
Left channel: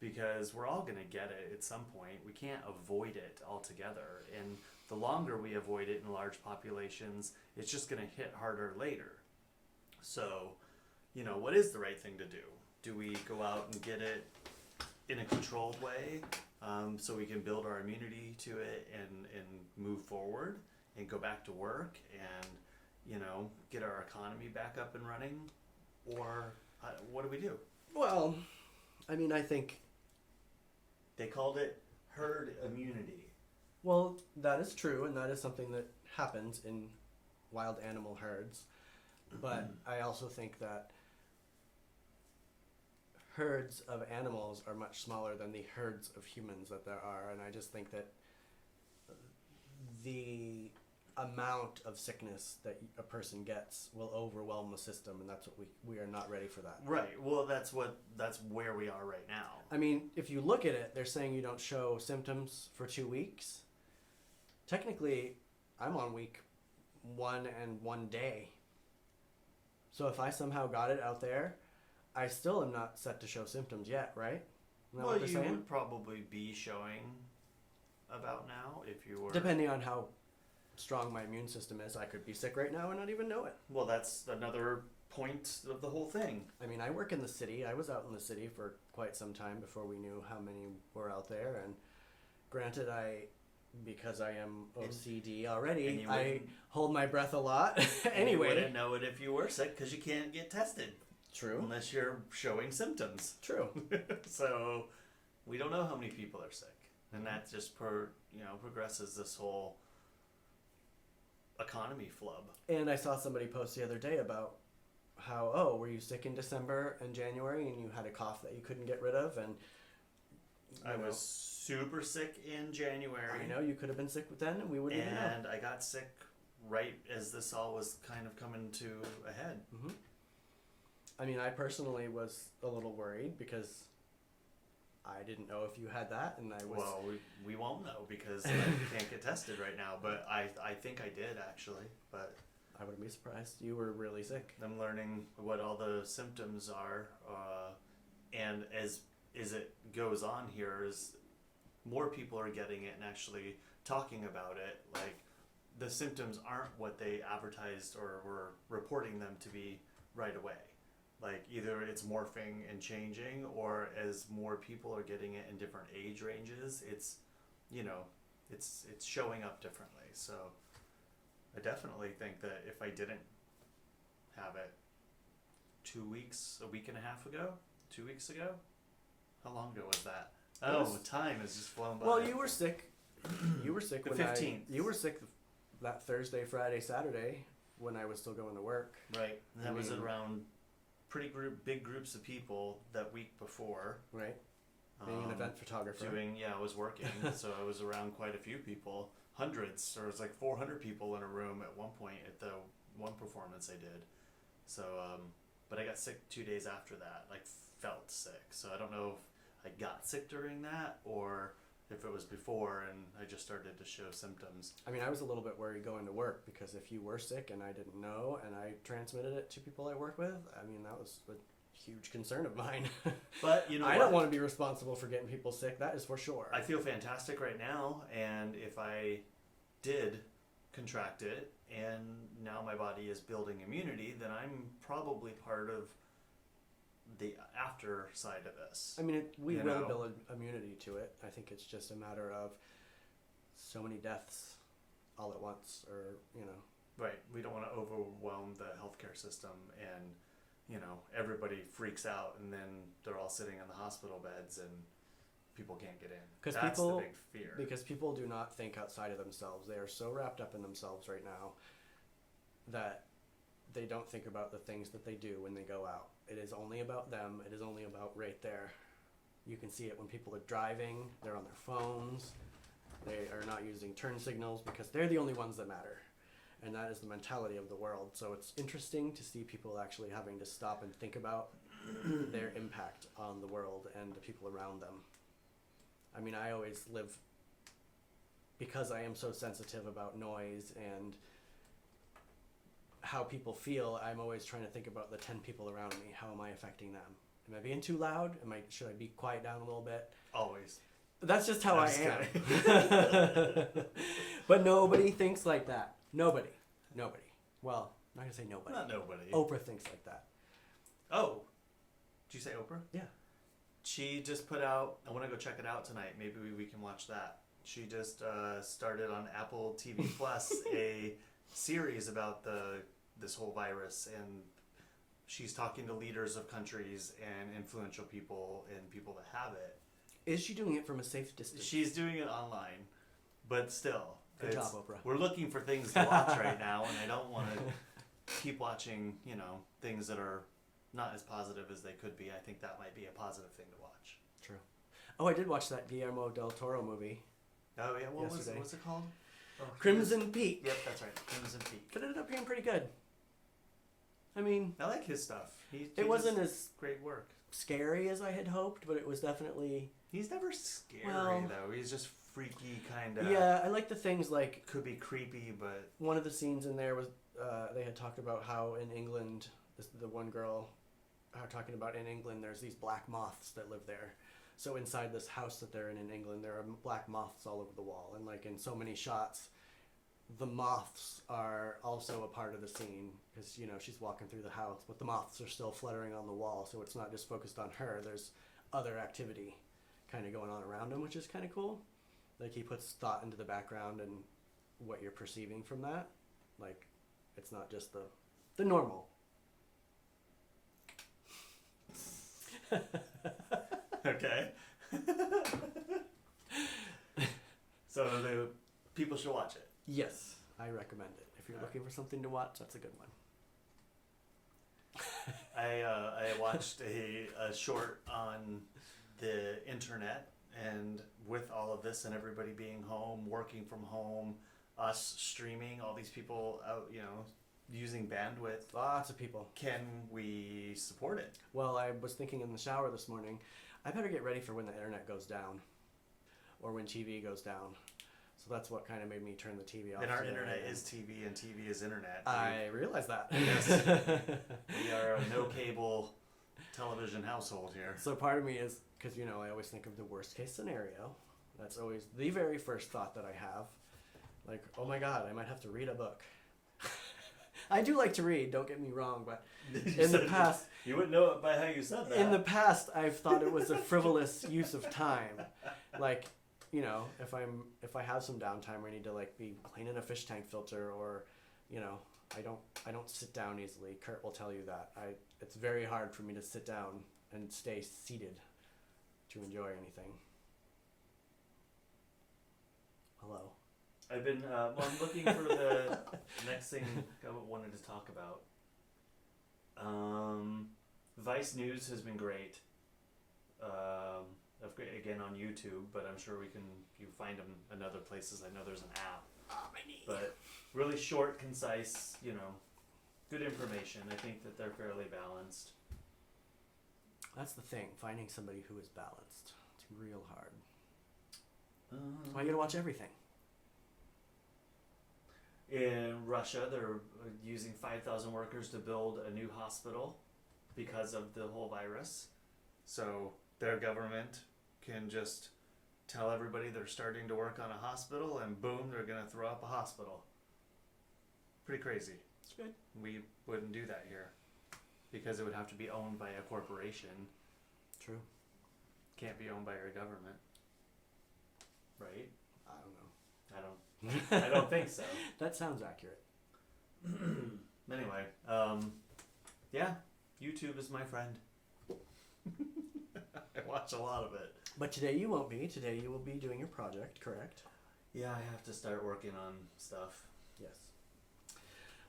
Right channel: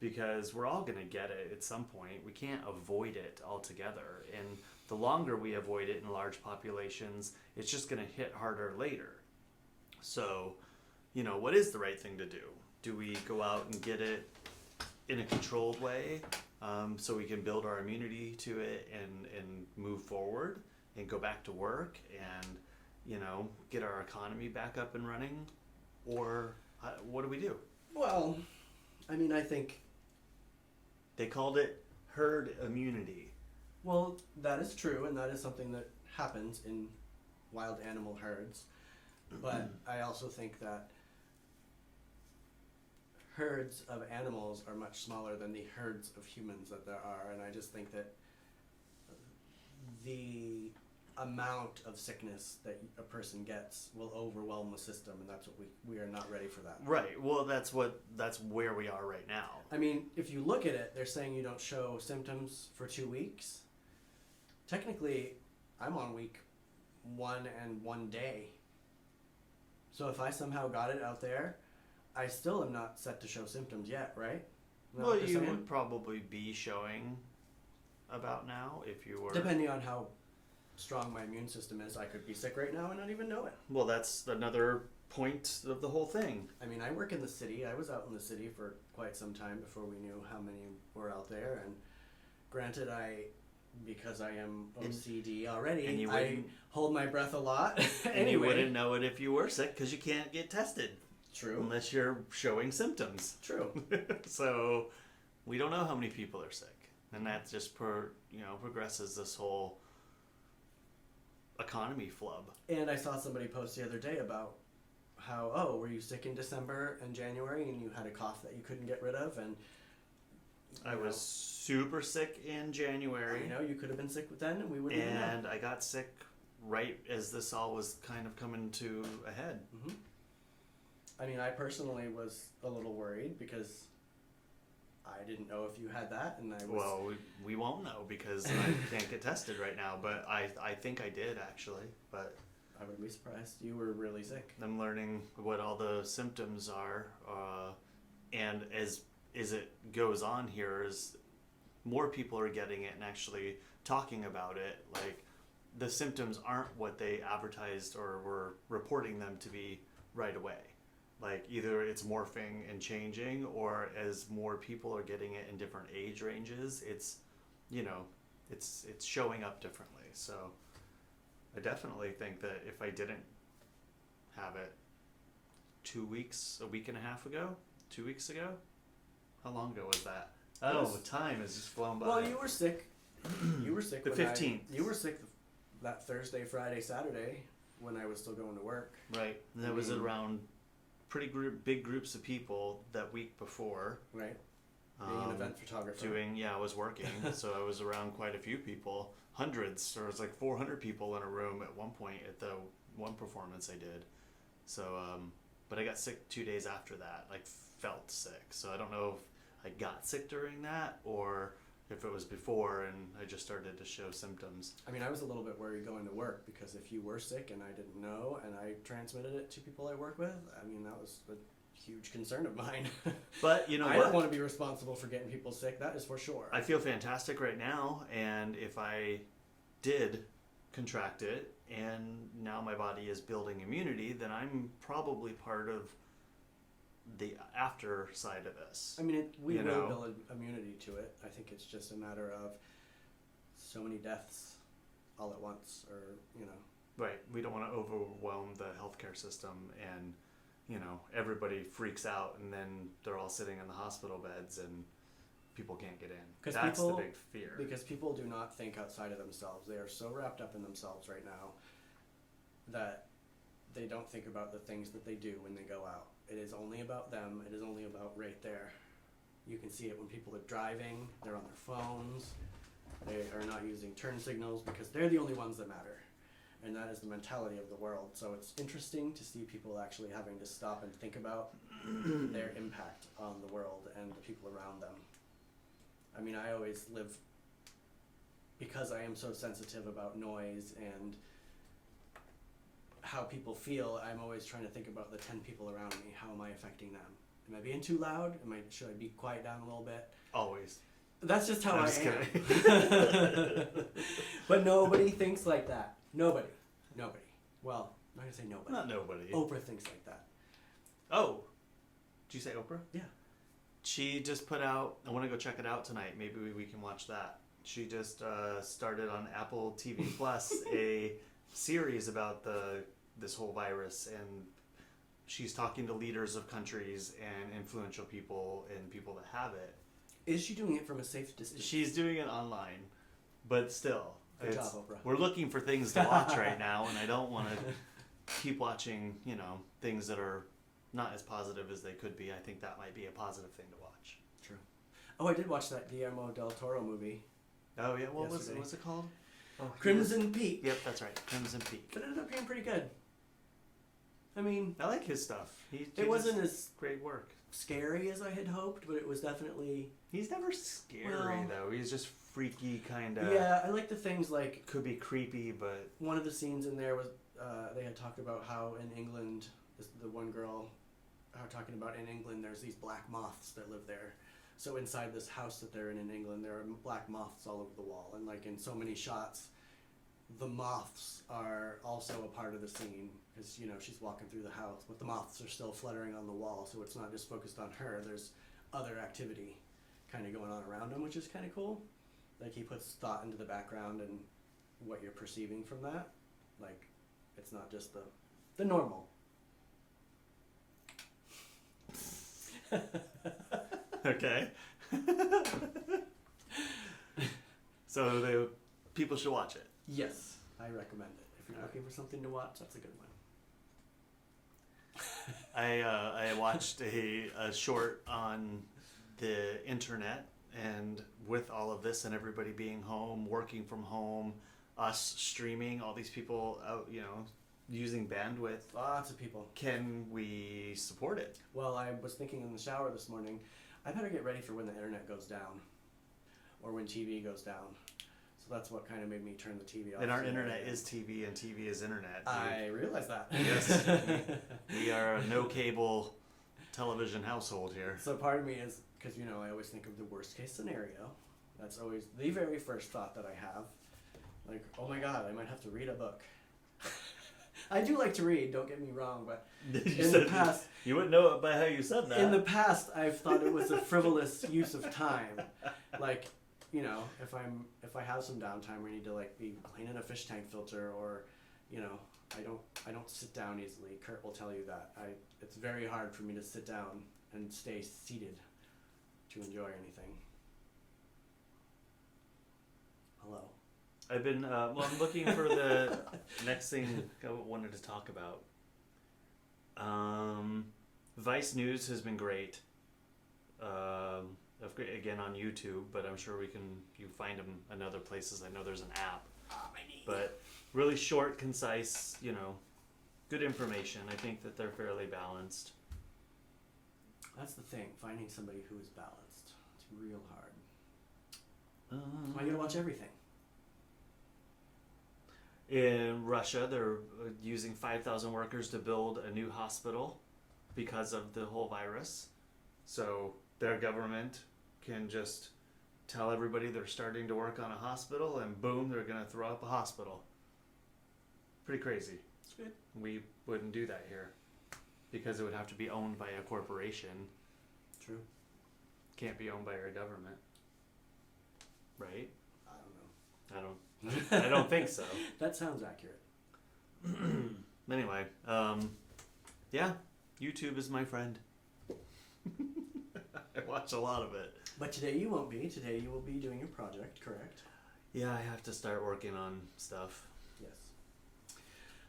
Because we're all going to get it at some point. We can't avoid it altogether. And the longer we avoid it in large populations, it's just going to hit harder later. So, what is the right thing to do? Do we go out and get it in a controlled way so we can build our immunity to it and move forward and go back to work and, get our economy back up and running? Or what do we do? Well, I think... They called it herd immunity. Well, that is true, and that is something that happens in wild animal herds. But I also think that herds of animals are much smaller than the herds of humans that there are, and I just think that the amount of sickness that a person gets will overwhelm the system, and that's what we are not ready for that. Right. Well, that's where we are right now. If you look at it, they're saying you don't show symptoms for 2 weeks. Technically, I'm on week 1 and 1 day. So if I somehow got it out there, I still am not set to show symptoms yet, right? Well, you would probably be showing about now if you were... Depending on how strong my immune system is, I could be sick right now and not even know it. Well, that's another point of the whole thing. I work in the city. I was out in the city for quite some time before we knew how many were out there. And granted, because I am OCD already, I hold my breath a lot. And you wouldn't know it if you were sick because you can't get tested. True. Unless you're showing symptoms. True. So we don't know how many people are sick. And that just progresses this whole economy flub. And I saw somebody post the other day about how, were you sick in December and January and you had a cough that you couldn't get rid of? And I was super sick in January. I know, you could have been sick then and we wouldn't even know. And I got sick right as this all was kind of coming to a head. Mm-hmm. I mean, I personally was a little worried because I didn't know if you had that, and I was... Well, we won't know because I can't get tested right now, but I think I did, actually, but... I would be surprised. You were really sick. I'm learning what all the symptoms are, and as it goes on here, is more people are getting it and actually talking about it. Like, the symptoms aren't what they advertised or were reporting them to be right away. Like, either it's morphing and changing, or as more people are getting it in different age ranges, it's, you know, it's showing up differently. So I definitely think that if I didn't have it 2 weeks, a week and a half ago, 2 weeks ago, how long ago was that? Oh, time has just flown by. Well, you were sick. You were sick. The 15th. You were sick that Thursday, Friday, Saturday when I was still going to work. Right. And that was around big groups of people that week before. Right. Being an event photographer. I was working, so I was around quite a few people. Hundreds. There was like 400 people in a room at one point at the one performance I did. So, but I got sick 2 days after that, like felt sick. So I don't know if I got sick during that or if it was before and I just started to show symptoms. I mean, I was a little bit worried going to work because if you were sick and I didn't know and I transmitted it to people I work with, I mean, that was a huge concern of mine. But, you know, I don't want to be responsible for getting people sick, that is for sure. I feel fantastic right now, and if I did contract it and now my body is building immunity, then I'm probably part of the after side of this. I mean, we will build immunity to it. I think it's just a matter of so many deaths all at once, or, you know. Right. We don't want to overwhelm the healthcare system and, you know, everybody freaks out and then they're all sitting in the hospital beds and people can't get in. That's the big fear. Because people do not think outside of themselves. They are so wrapped up in themselves right now that they don't think about the things that they do when they go out. It is only about them. It is only about right there. You can see it when people are driving. They're on their phones. They are not using turn signals because they're the only ones that matter. And that is the mentality of the world. So it's interesting to see people actually having to stop and think about their impact on the world and the people around them. I mean, I always live, because I am so sensitive about noise and how people feel, I'm always trying to think about the 10 people around me. How am I affecting them? Am I being too loud? Should I be quiet down a little bit? Always. That's just how I am. But nobody thinks like that. Nobody. Well, I'm not going to say nobody. Not nobody. Oprah thinks like that. Oh. Did you say Oprah? Yeah. She just put out, I want to go check it out tonight. Maybe we can watch that. She just started on Apple TV Plus a series about this whole virus, and she's talking to leaders of countries and influential people and people that have it. Is she doing it from a safe distance? She's doing it online, but still. Good job, Oprah. We're looking for things to watch right now, and I don't want to keep watching, you know, things that are not as positive as they could be. I think that might be a positive thing to watch. True. Oh, I did watch that Guillermo del Toro movie. Oh, yeah? What's it called? Crimson Peak. Yep, that's right. Crimson Peak. But it ended up being pretty good. I mean... I like his stuff. It wasn't as great work. Scary as I had hoped, but it was definitely... He's never scary, though. He's just freaky, kind of... Yeah, I like the things like... Could be creepy, but... One of the scenes in there was... they had talked about how in England, the one girl... talking about in England, there's these black moths that live there. So inside this house that they're in England, there are black moths all over the wall. And like in so many shots, the moths are also a part of the scene. Because, you know, she's walking through the house, but the moths are still fluttering on the wall. So it's not just focused on her. There's other activity kind of going on around him, which is kind of cool. Like he puts thought into the background and what you're perceiving from that. Like, it's not just the normal. Okay. So the people should watch it. Yes, I recommend it. If you're looking for something to watch, that's a good one. I watched a short on the internet, And with all of this and everybody being home, working from home, us streaming, all these people out, using bandwidth, Lots of people. can we support it? Well, I was thinking in the shower this morning, I better get ready for when the internet goes down, or when TV goes down. So that's what kind of made me turn the TV off. And our internet is TV, and TV is internet. I realize that. Yes. We are a no cable television household here. So part of me is, because, I always think of the worst case scenario. That's always the very first thought that I have. Like, oh my God, I might have to read a book. I do like to read, don't get me wrong, but in the past... You wouldn't know it by how you said that. In the past, I've thought it was a frivolous use of time. Like, if I have some downtime where I need to be cleaning a fish tank filter, or, I don't sit down easily. Kurt will tell you that. It's very hard for me to sit down and stay seated to enjoy anything. Hello. I've been, I'm looking for the next thing I wanted to talk about. Vice News has been great. Again on YouTube, but I'm sure you find them in other places. I know there's an app. But really short, concise, good information. I think that they're fairly balanced. That's the thing, finding somebody who is balanced. It's real hard. That's why you gotta watch everything. In Russia, they're using 5,000 workers to build a new hospital because of the whole virus. So their government can just tell everybody they're starting to work on a hospital, and boom, they're going to throw up a hospital. Pretty crazy. It's good. We wouldn't do that here because it would have to be owned by a corporation. True. Can't be owned by our government. Right? I don't know. I don't think so. That sounds accurate. Anyway, yeah, YouTube is my friend. I watch a lot of it. But today you won't be. Today you will be doing your project, correct? Yeah, I have to start working on stuff. Yes.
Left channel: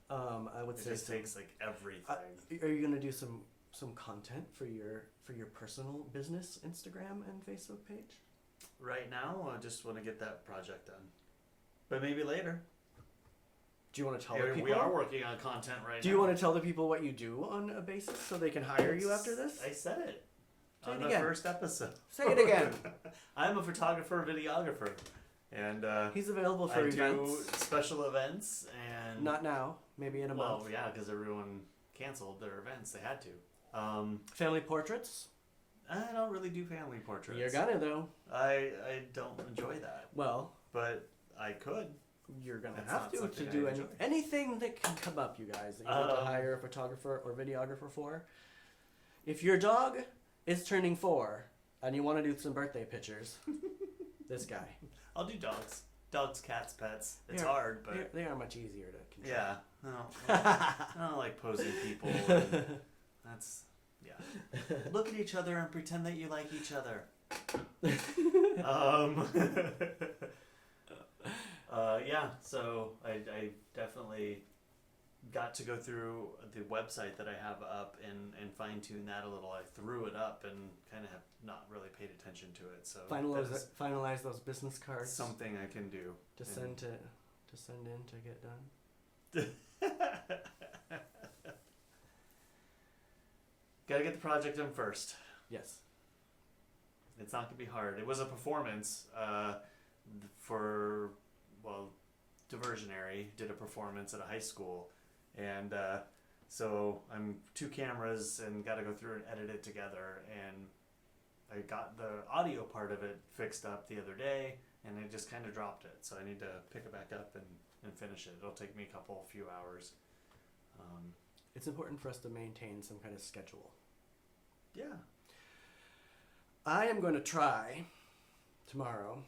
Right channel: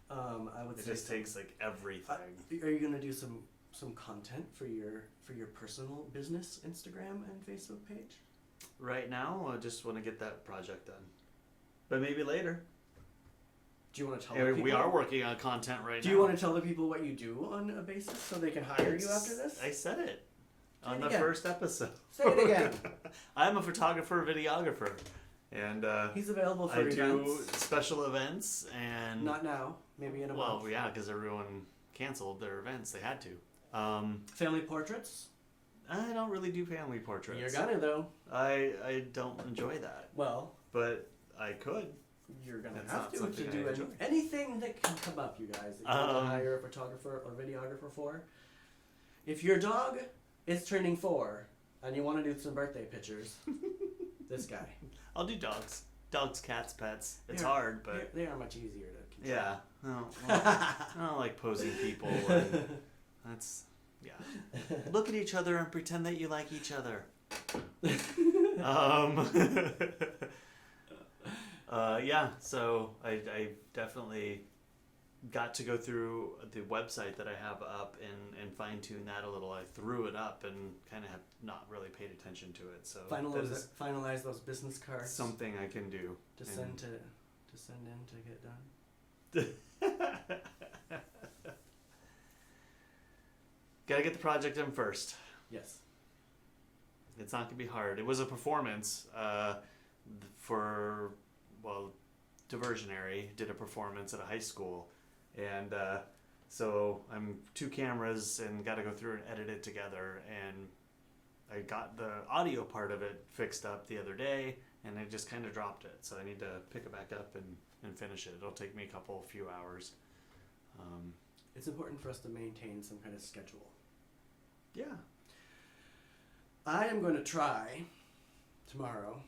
I would It say just takes everything. Are you going to do some content for your personal business Instagram and Facebook page? Right now, I just want to get that project done. But maybe later. Do you want to tell the people? We are working on content right now. Do you want to tell the people what you do on a basis so they can hire you after this? I said it on the again. first episode. Say it again. I'm a photographer, videographer, and he's available for I events. do special events and not now, maybe in a month. Well, yeah, because everyone canceled their events. They had to. Family portraits? I don't really do family portraits. You're gonna though. I don't enjoy that. Well, but I could. You're gonna That's have not to something do I enjoy. anything that can come up, you guys. That you want to hire a photographer or videographer for. If your dog is turning 4 and you want to do some birthday pictures, this guy. I'll do dogs, cats, pets. It's hard, but they are much easier to control. yeah. I don't like posing people. And that's Look at each other and pretend that you like each other. Yeah, so I definitely got to go through the website that I have up and fine tune that a little. I threw it up and kind of have not really paid attention to it. So finalize those business cards. Something I can do to send in to get done. Gotta get the project in first. Yes. It's not gonna be hard. It was a performance for Diversionary did a performance at a high school, and so I'm 2 cameras and got to go through and edit it together, and I got the audio part of it fixed up the other day, and I just kind of dropped it, so I need to pick it back up and finish it. It'll take me a few hours. It's important for us to maintain some kind of schedule. Yeah. I am going to try tomorrow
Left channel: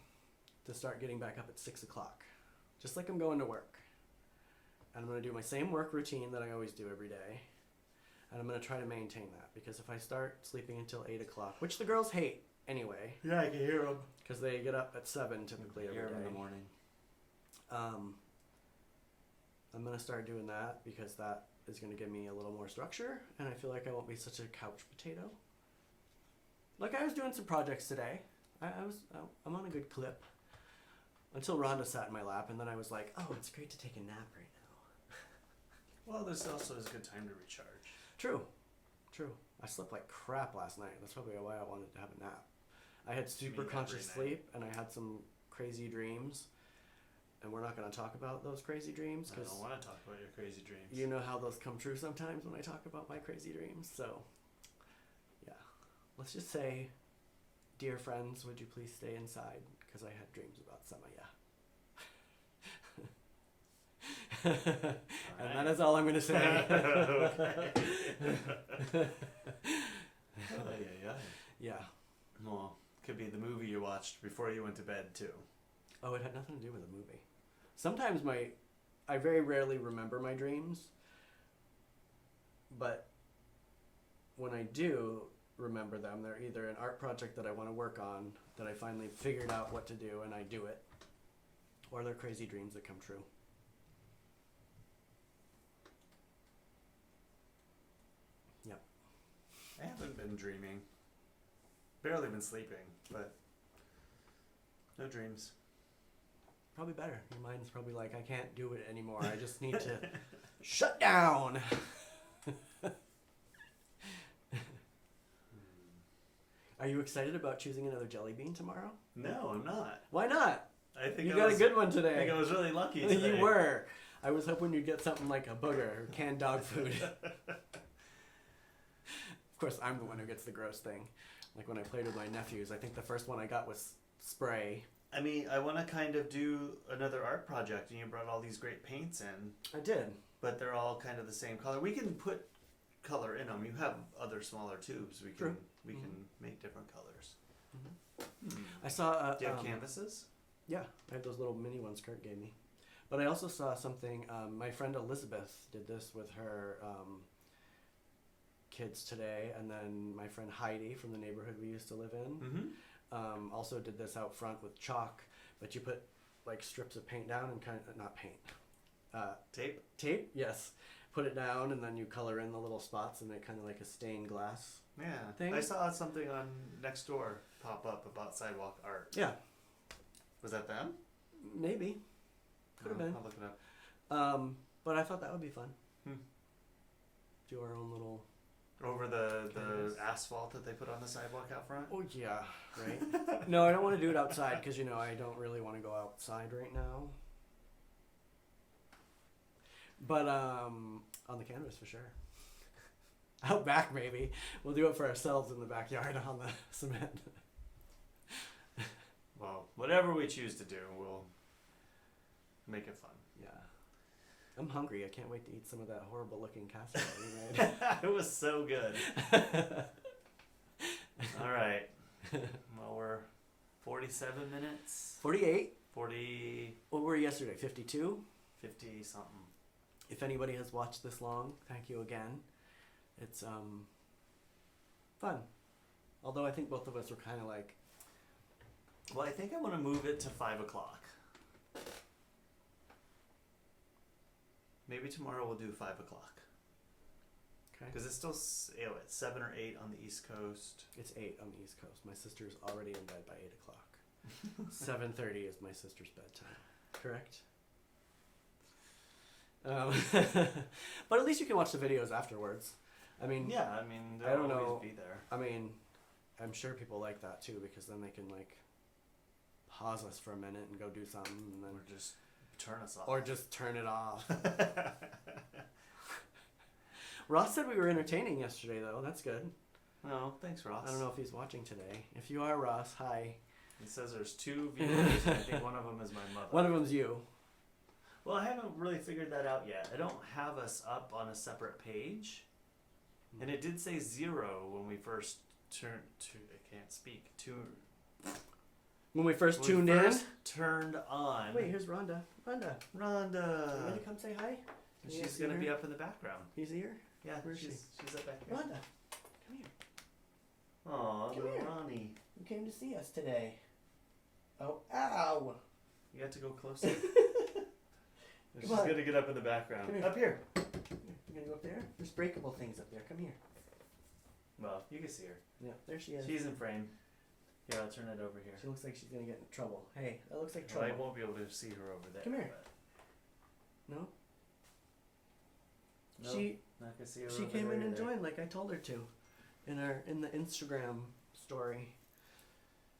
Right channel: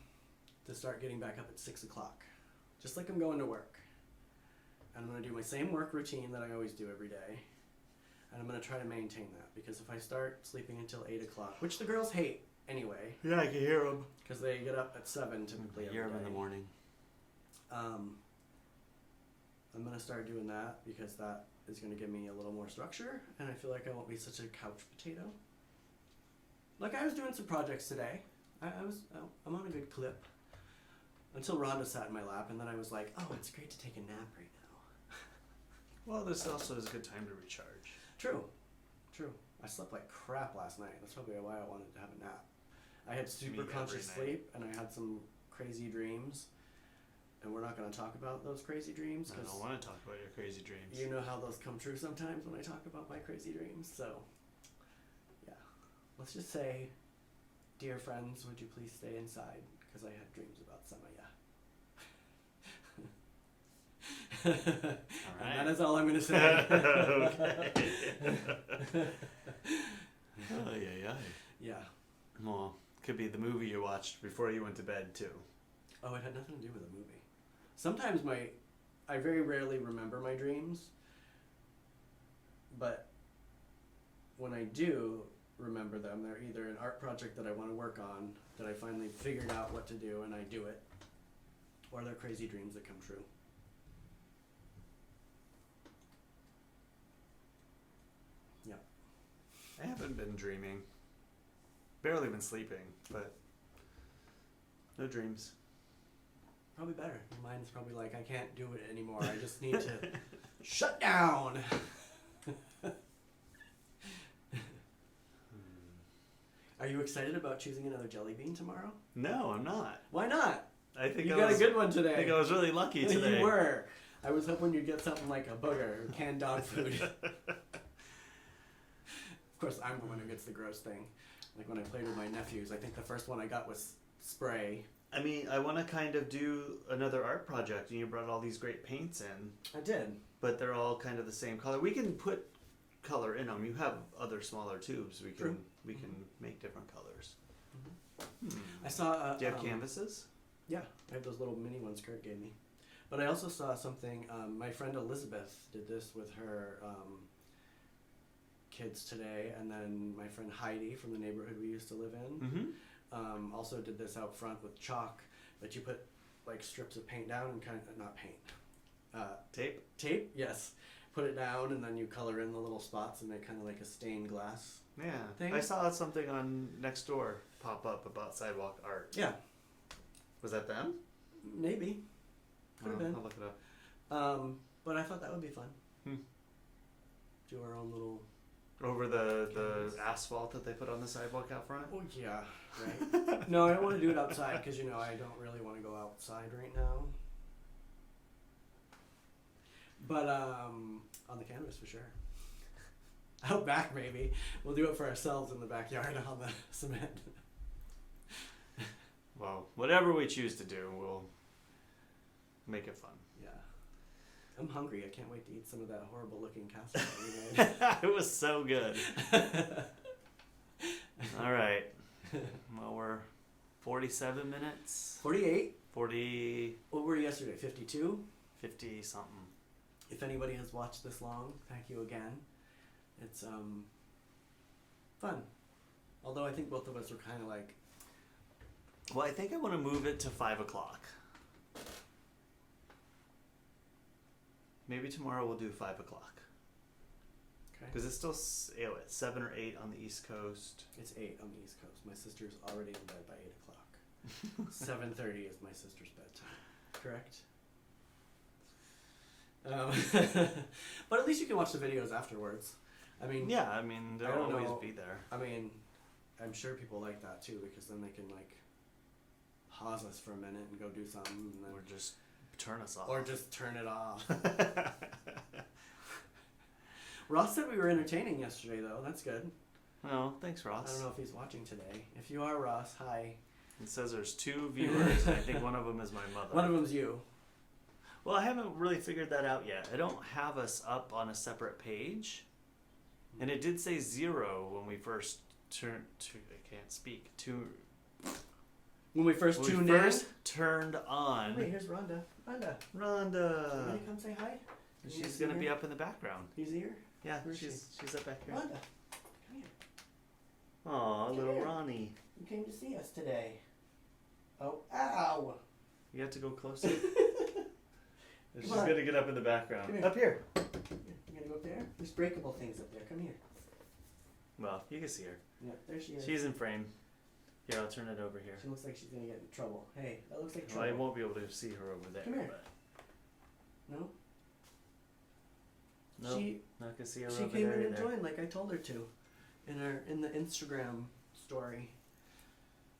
to start getting back up at 6 o'clock. Just like I'm going to work. And I'm going to do my same work routine that I always do every day. And I'm going to try to maintain that. Because if I start sleeping until 8 o'clock, which the girls hate anyway. Yeah, I can hear them. Because they get up at 7 typically every day. Hear them in the morning. I'm going to start doing that because that is going to give me a little more structure. And I feel like I won't be such a couch potato. Like I was doing some projects today. I'm on a good clip. Until Rhonda sat in my lap, and then I was like, oh, it's great to take a nap right now. Well, this also is a good time to recharge. True. I slept like crap last night. That's probably why I wanted to have a nap. I had super conscious sleep, and I had some crazy dreams. And we're not going to talk about those crazy dreams. I don't want to talk about your crazy dreams. You know how those come true sometimes when I talk about my crazy dreams. So, yeah. Let's just say, dear friends, would you please stay inside? Because I had dreams about Samaya. All right. And that is all I'm going to say. Okay. Yeah. Well, could be the movie you watched before you went to bed, too. Oh, it had nothing to do with the movie. Sometimes I very rarely remember my dreams, but when I do remember them, they're either an art project that I want to work on, that I finally figured out what to do and I do it, or they're crazy dreams that come true. Yep. I haven't been dreaming. Barely been sleeping, but no dreams. Probably better. Your mind's probably like, I can't do it anymore. I just need to shut down. Are you excited about choosing another jelly bean tomorrow? No, I'm not. Why not? I think you got a good one today. I think I was really lucky today. You were. I was hoping you'd get something like a booger or canned dog food. Of course, I'm the one who gets the gross thing. Like when I played with my nephews, I think the first one I got was spray. I mean, I want to kind of do another art project, and you brought all these great paints in. I did. But they're all kind of the same color. We can put color in them. You have other smaller tubes. We can can make different colors. Mm-hmm. I saw. Do you have canvases? Yeah, I had those little mini ones Kurt gave me. But I also saw something. My friend Elizabeth did this with her kids today, and then my friend Heidi from the neighborhood we used to live in. Mm-hmm. Also did this out front with chalk, but you put like strips of paint down and kind of not paint, tape, yes. Put it down and then you color in the little spots and make kind of like a stained glass. Yeah, thing. I saw something on Nextdoor pop up about sidewalk art. Yeah, was that them? Maybe. Could have been. I'll look it up. But I thought that would be fun. Do our own little. Over the asphalt that they put on the sidewalk out front? Oh, yeah, right. No, I don't want to do it outside because, I don't really want to go outside right now. But on the canvas for sure. Out back, maybe. We'll do it for ourselves in the backyard on the cement. Well, whatever we choose to do, we'll make it fun. Yeah. I'm hungry. I can't wait to eat some of that horrible looking casserole we made. It was so good. All right. Well, we're 47 minutes. 48. 40. What were we yesterday? 52? 50 something. If anybody has watched this long, thank you again. It's fun. Although I think both of us were kind of like... Well, I think I want to move it to 5 o'clock. Maybe tomorrow we'll do 5 o'clock. Okay. Because it's still 7 or 8 on the East Coast. It's 8 on the East Coast. My sister's already in bed by 8 o'clock. 7:30 is my sister's bedtime. Correct? But at least you can watch the videos afterwards. I mean... Yeah, I mean, they'll always be there. I mean, I'm sure people like that too, because then they can, like, pause us for a minute and go do something. And then or just turn us off. Or just turn it off. Ross said we were entertaining yesterday, though. That's good. Oh, thanks, Ross. I don't know if he's watching today. If you are, Ross, hi. It says there's 2 viewers. I think one of them is my mother. One of them's you. Well, I haven't really figured that out yet. I don't have us up on a separate page. And it did say 0 when we first turned to... I can't speak. When we first tuned turned on... Wait, here's Rhonda. Rhonda. Ready? Come say hi. And she's going to be up in the background. You see her? Yeah, she's up back here. Rhonda, come here. Aw, little here. Ronnie. You came to see us today. Oh, ow! You have to go closer. She's on. going to get up in the background. Come here. Up here. Here, you gonna go up there? There's breakable things up there. Come here. Well, you can see her. Yeah, there she is. She's in frame. Here, I'll turn it over here. She looks like she's gonna get in trouble. Hey, that looks like Well, trouble. I won't be able to see her over there. Come here. But... No? No, not gonna see her She over came there in and either. joined like I told her to. In the Instagram story.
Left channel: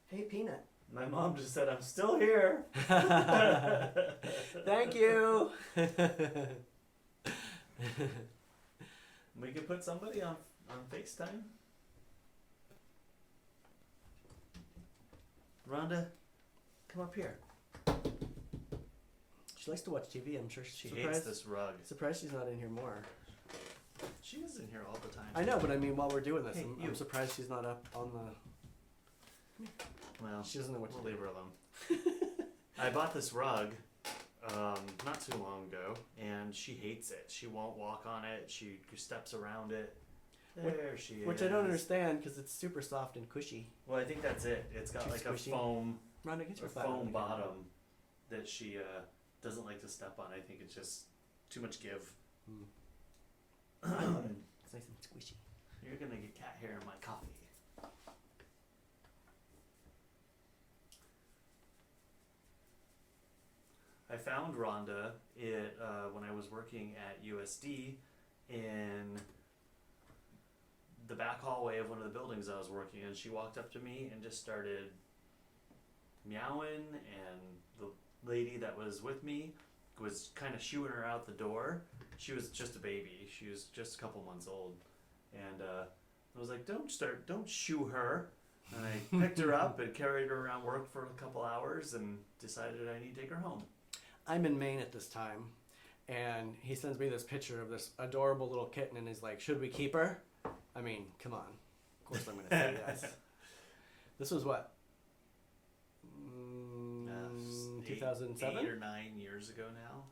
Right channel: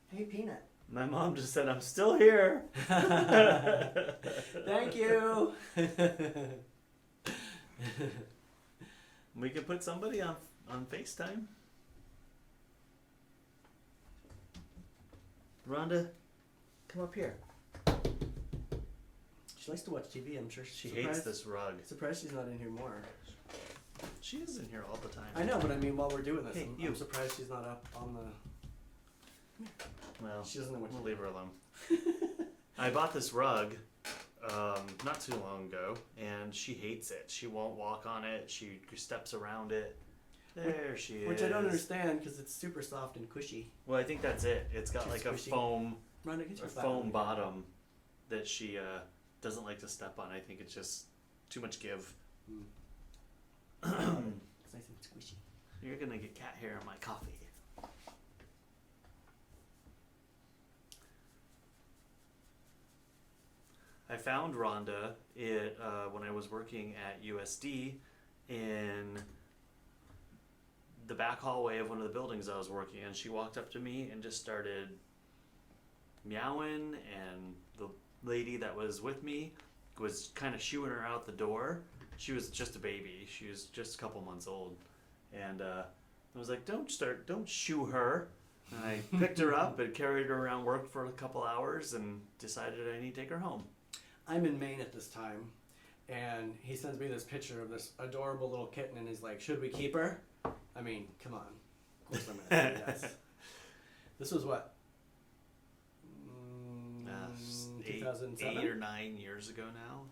Hey, Peanut. My mom just said, I'm still here. Thank you. We could put somebody on FaceTime. Rhonda, come up here. She likes to watch TV. I'm sure She hates this rug. Surprised she's not in here more. She is in here all the time. I know, but I mean, while we're doing this, Hey, I'm surprised she's not up on the. Well, She doesn't know what we'll to leave her alone. I bought this rug not too long ago, and she hates it. She won't walk on it. She steps around it. There she is. Which I don't understand because it's super soft and cushy. Well, I think that's it. It's got like a Squishy. foam Rhonda, get your butt foam on the- bottom that she doesn't like to step on. I think it's just too much give. It's nice and squishy. You're gonna get cat hair in my coffee. I found Rhonda when I was working at USD in the back hallway of one of the buildings I was working in. She walked up to me and just started meowing, and the lady that was with me was kind of shooing her out the door. She was just a baby. She was just a couple months old. And I was like, don't shoo her. And I picked her up and carried her around work for a couple hours and decided I need to take her home. I'm in Maine at this time, and he sends me this picture of this adorable little kitten, and he's like, "Should we keep her?" I mean, come on. Of course I'm gonna say yes. This was what? 2007? 8 or 9 years ago now.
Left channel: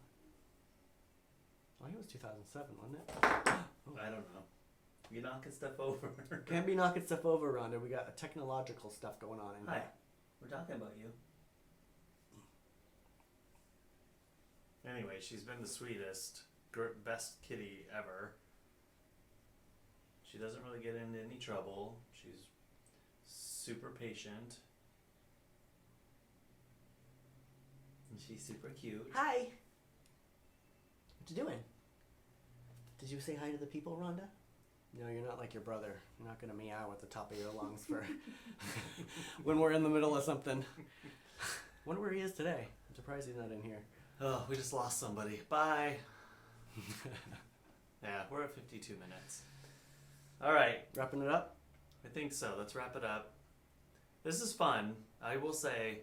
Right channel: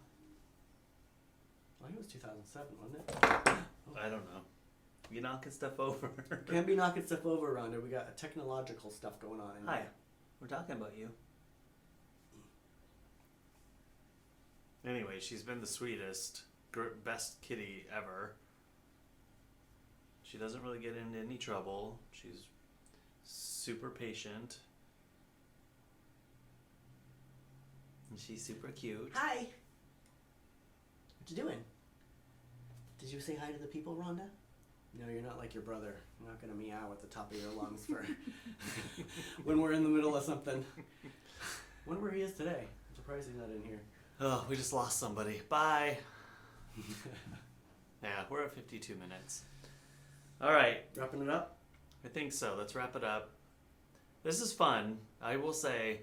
I think it was 2007, wasn't it? I don't know. You knocking stuff over. Can't be knocking stuff over, Rhonda. We got technological stuff going on in Hi. here. We're talking about you. Anyway, she's been the sweetest, best kitty ever. She doesn't really get into any trouble. She's super patient. And she's super cute. Hi. What you doing? Did you say hi to the people, Rhonda? No, you're not like your brother. You're not gonna meow at the top of your lungs for when we're in the middle of something. Wonder where he is today. I'm surprised he's not in here. Oh, we just lost somebody. Bye. Yeah, we're at 52 minutes. All right. Wrapping it up? I think so. Let's wrap it up. This is fun. I will say,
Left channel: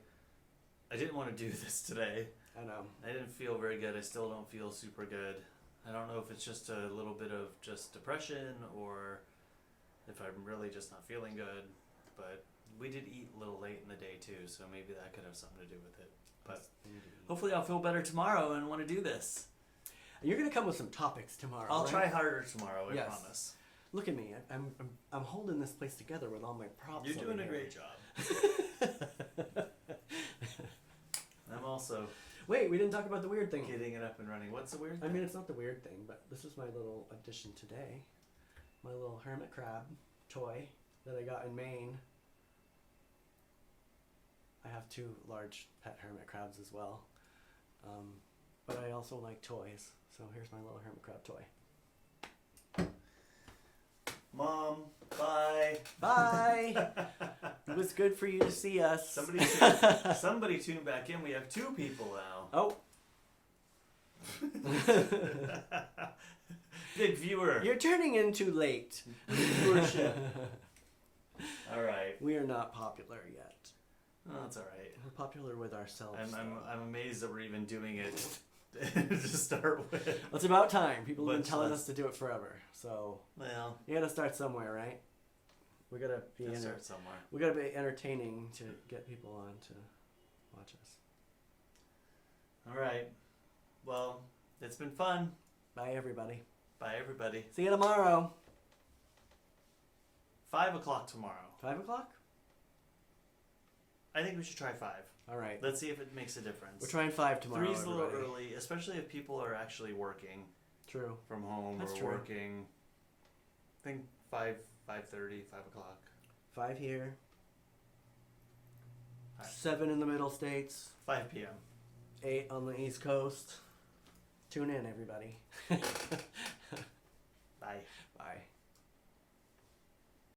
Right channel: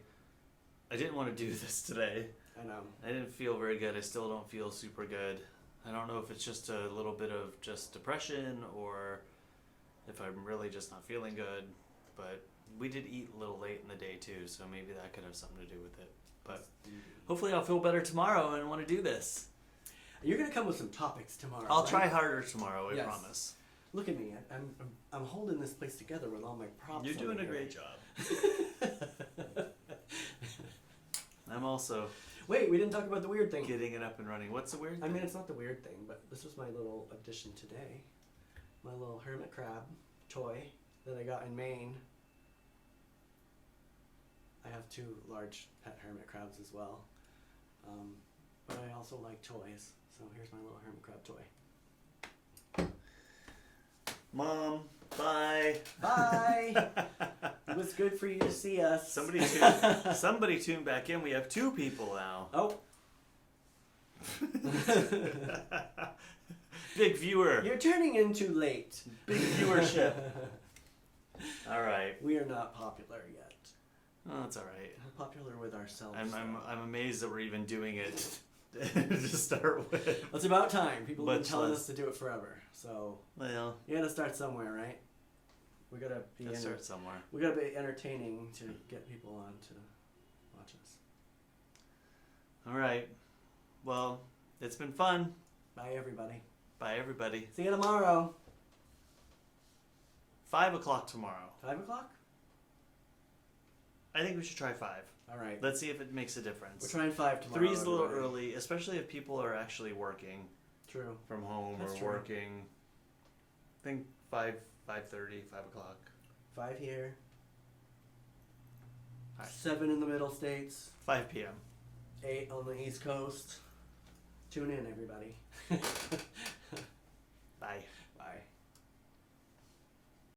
I didn't want to do this today. I know. I didn't feel very good. I still don't feel super good. I don't know if it's just a little bit of just depression or if I'm really just not feeling good. But we did eat a little late in the day too, so maybe that could have something to do with it. But hopefully I'll feel better tomorrow and want to do this. You're gonna come with some topics tomorrow. I'll right? try harder tomorrow, I Yes. promise. Look at me. I'm holding this place together with all my props. You're doing over a here. great job. I'm also Wait, we didn't talk about the weird thing. getting it up and running. What's the weird I thing? mean, it's not the weird thing, but this was my little addition today. My little hermit crab toy that I got in Maine. I have 2 large pet hermit crabs as well. But I also like toys. So here's my little hermit crab toy. Mom, bye. Bye! It was good for you to see us. Somebody tune back in. We have 2 people now. Oh. Big viewer. You're turning in too late. Big viewership. All right. We are not popular yet. Oh, that's all right. We're popular with ourselves. I'm amazed that we're even doing it to start with. It's about time. People have been But telling let's- us to do it forever. So Well, you gotta start somewhere, right? We gotta be let's start somewhere. we gotta be entertaining to get people on to watch us. All right. Well, it's been fun. Bye, everybody. Bye, everybody. See you tomorrow. 5 o'clock tomorrow. 5:00. I think we should try 5. All right. Let's see if it makes a difference. We're trying 5 tomorrow. 3's a little everybody. early, especially if people are actually working True. from home That's or true. working. I think 5:30, 5 o'clock. 5 here. All right. 7 in the middle states, 5 p.m. 8 on the East Coast. Tune in, everybody. Bye.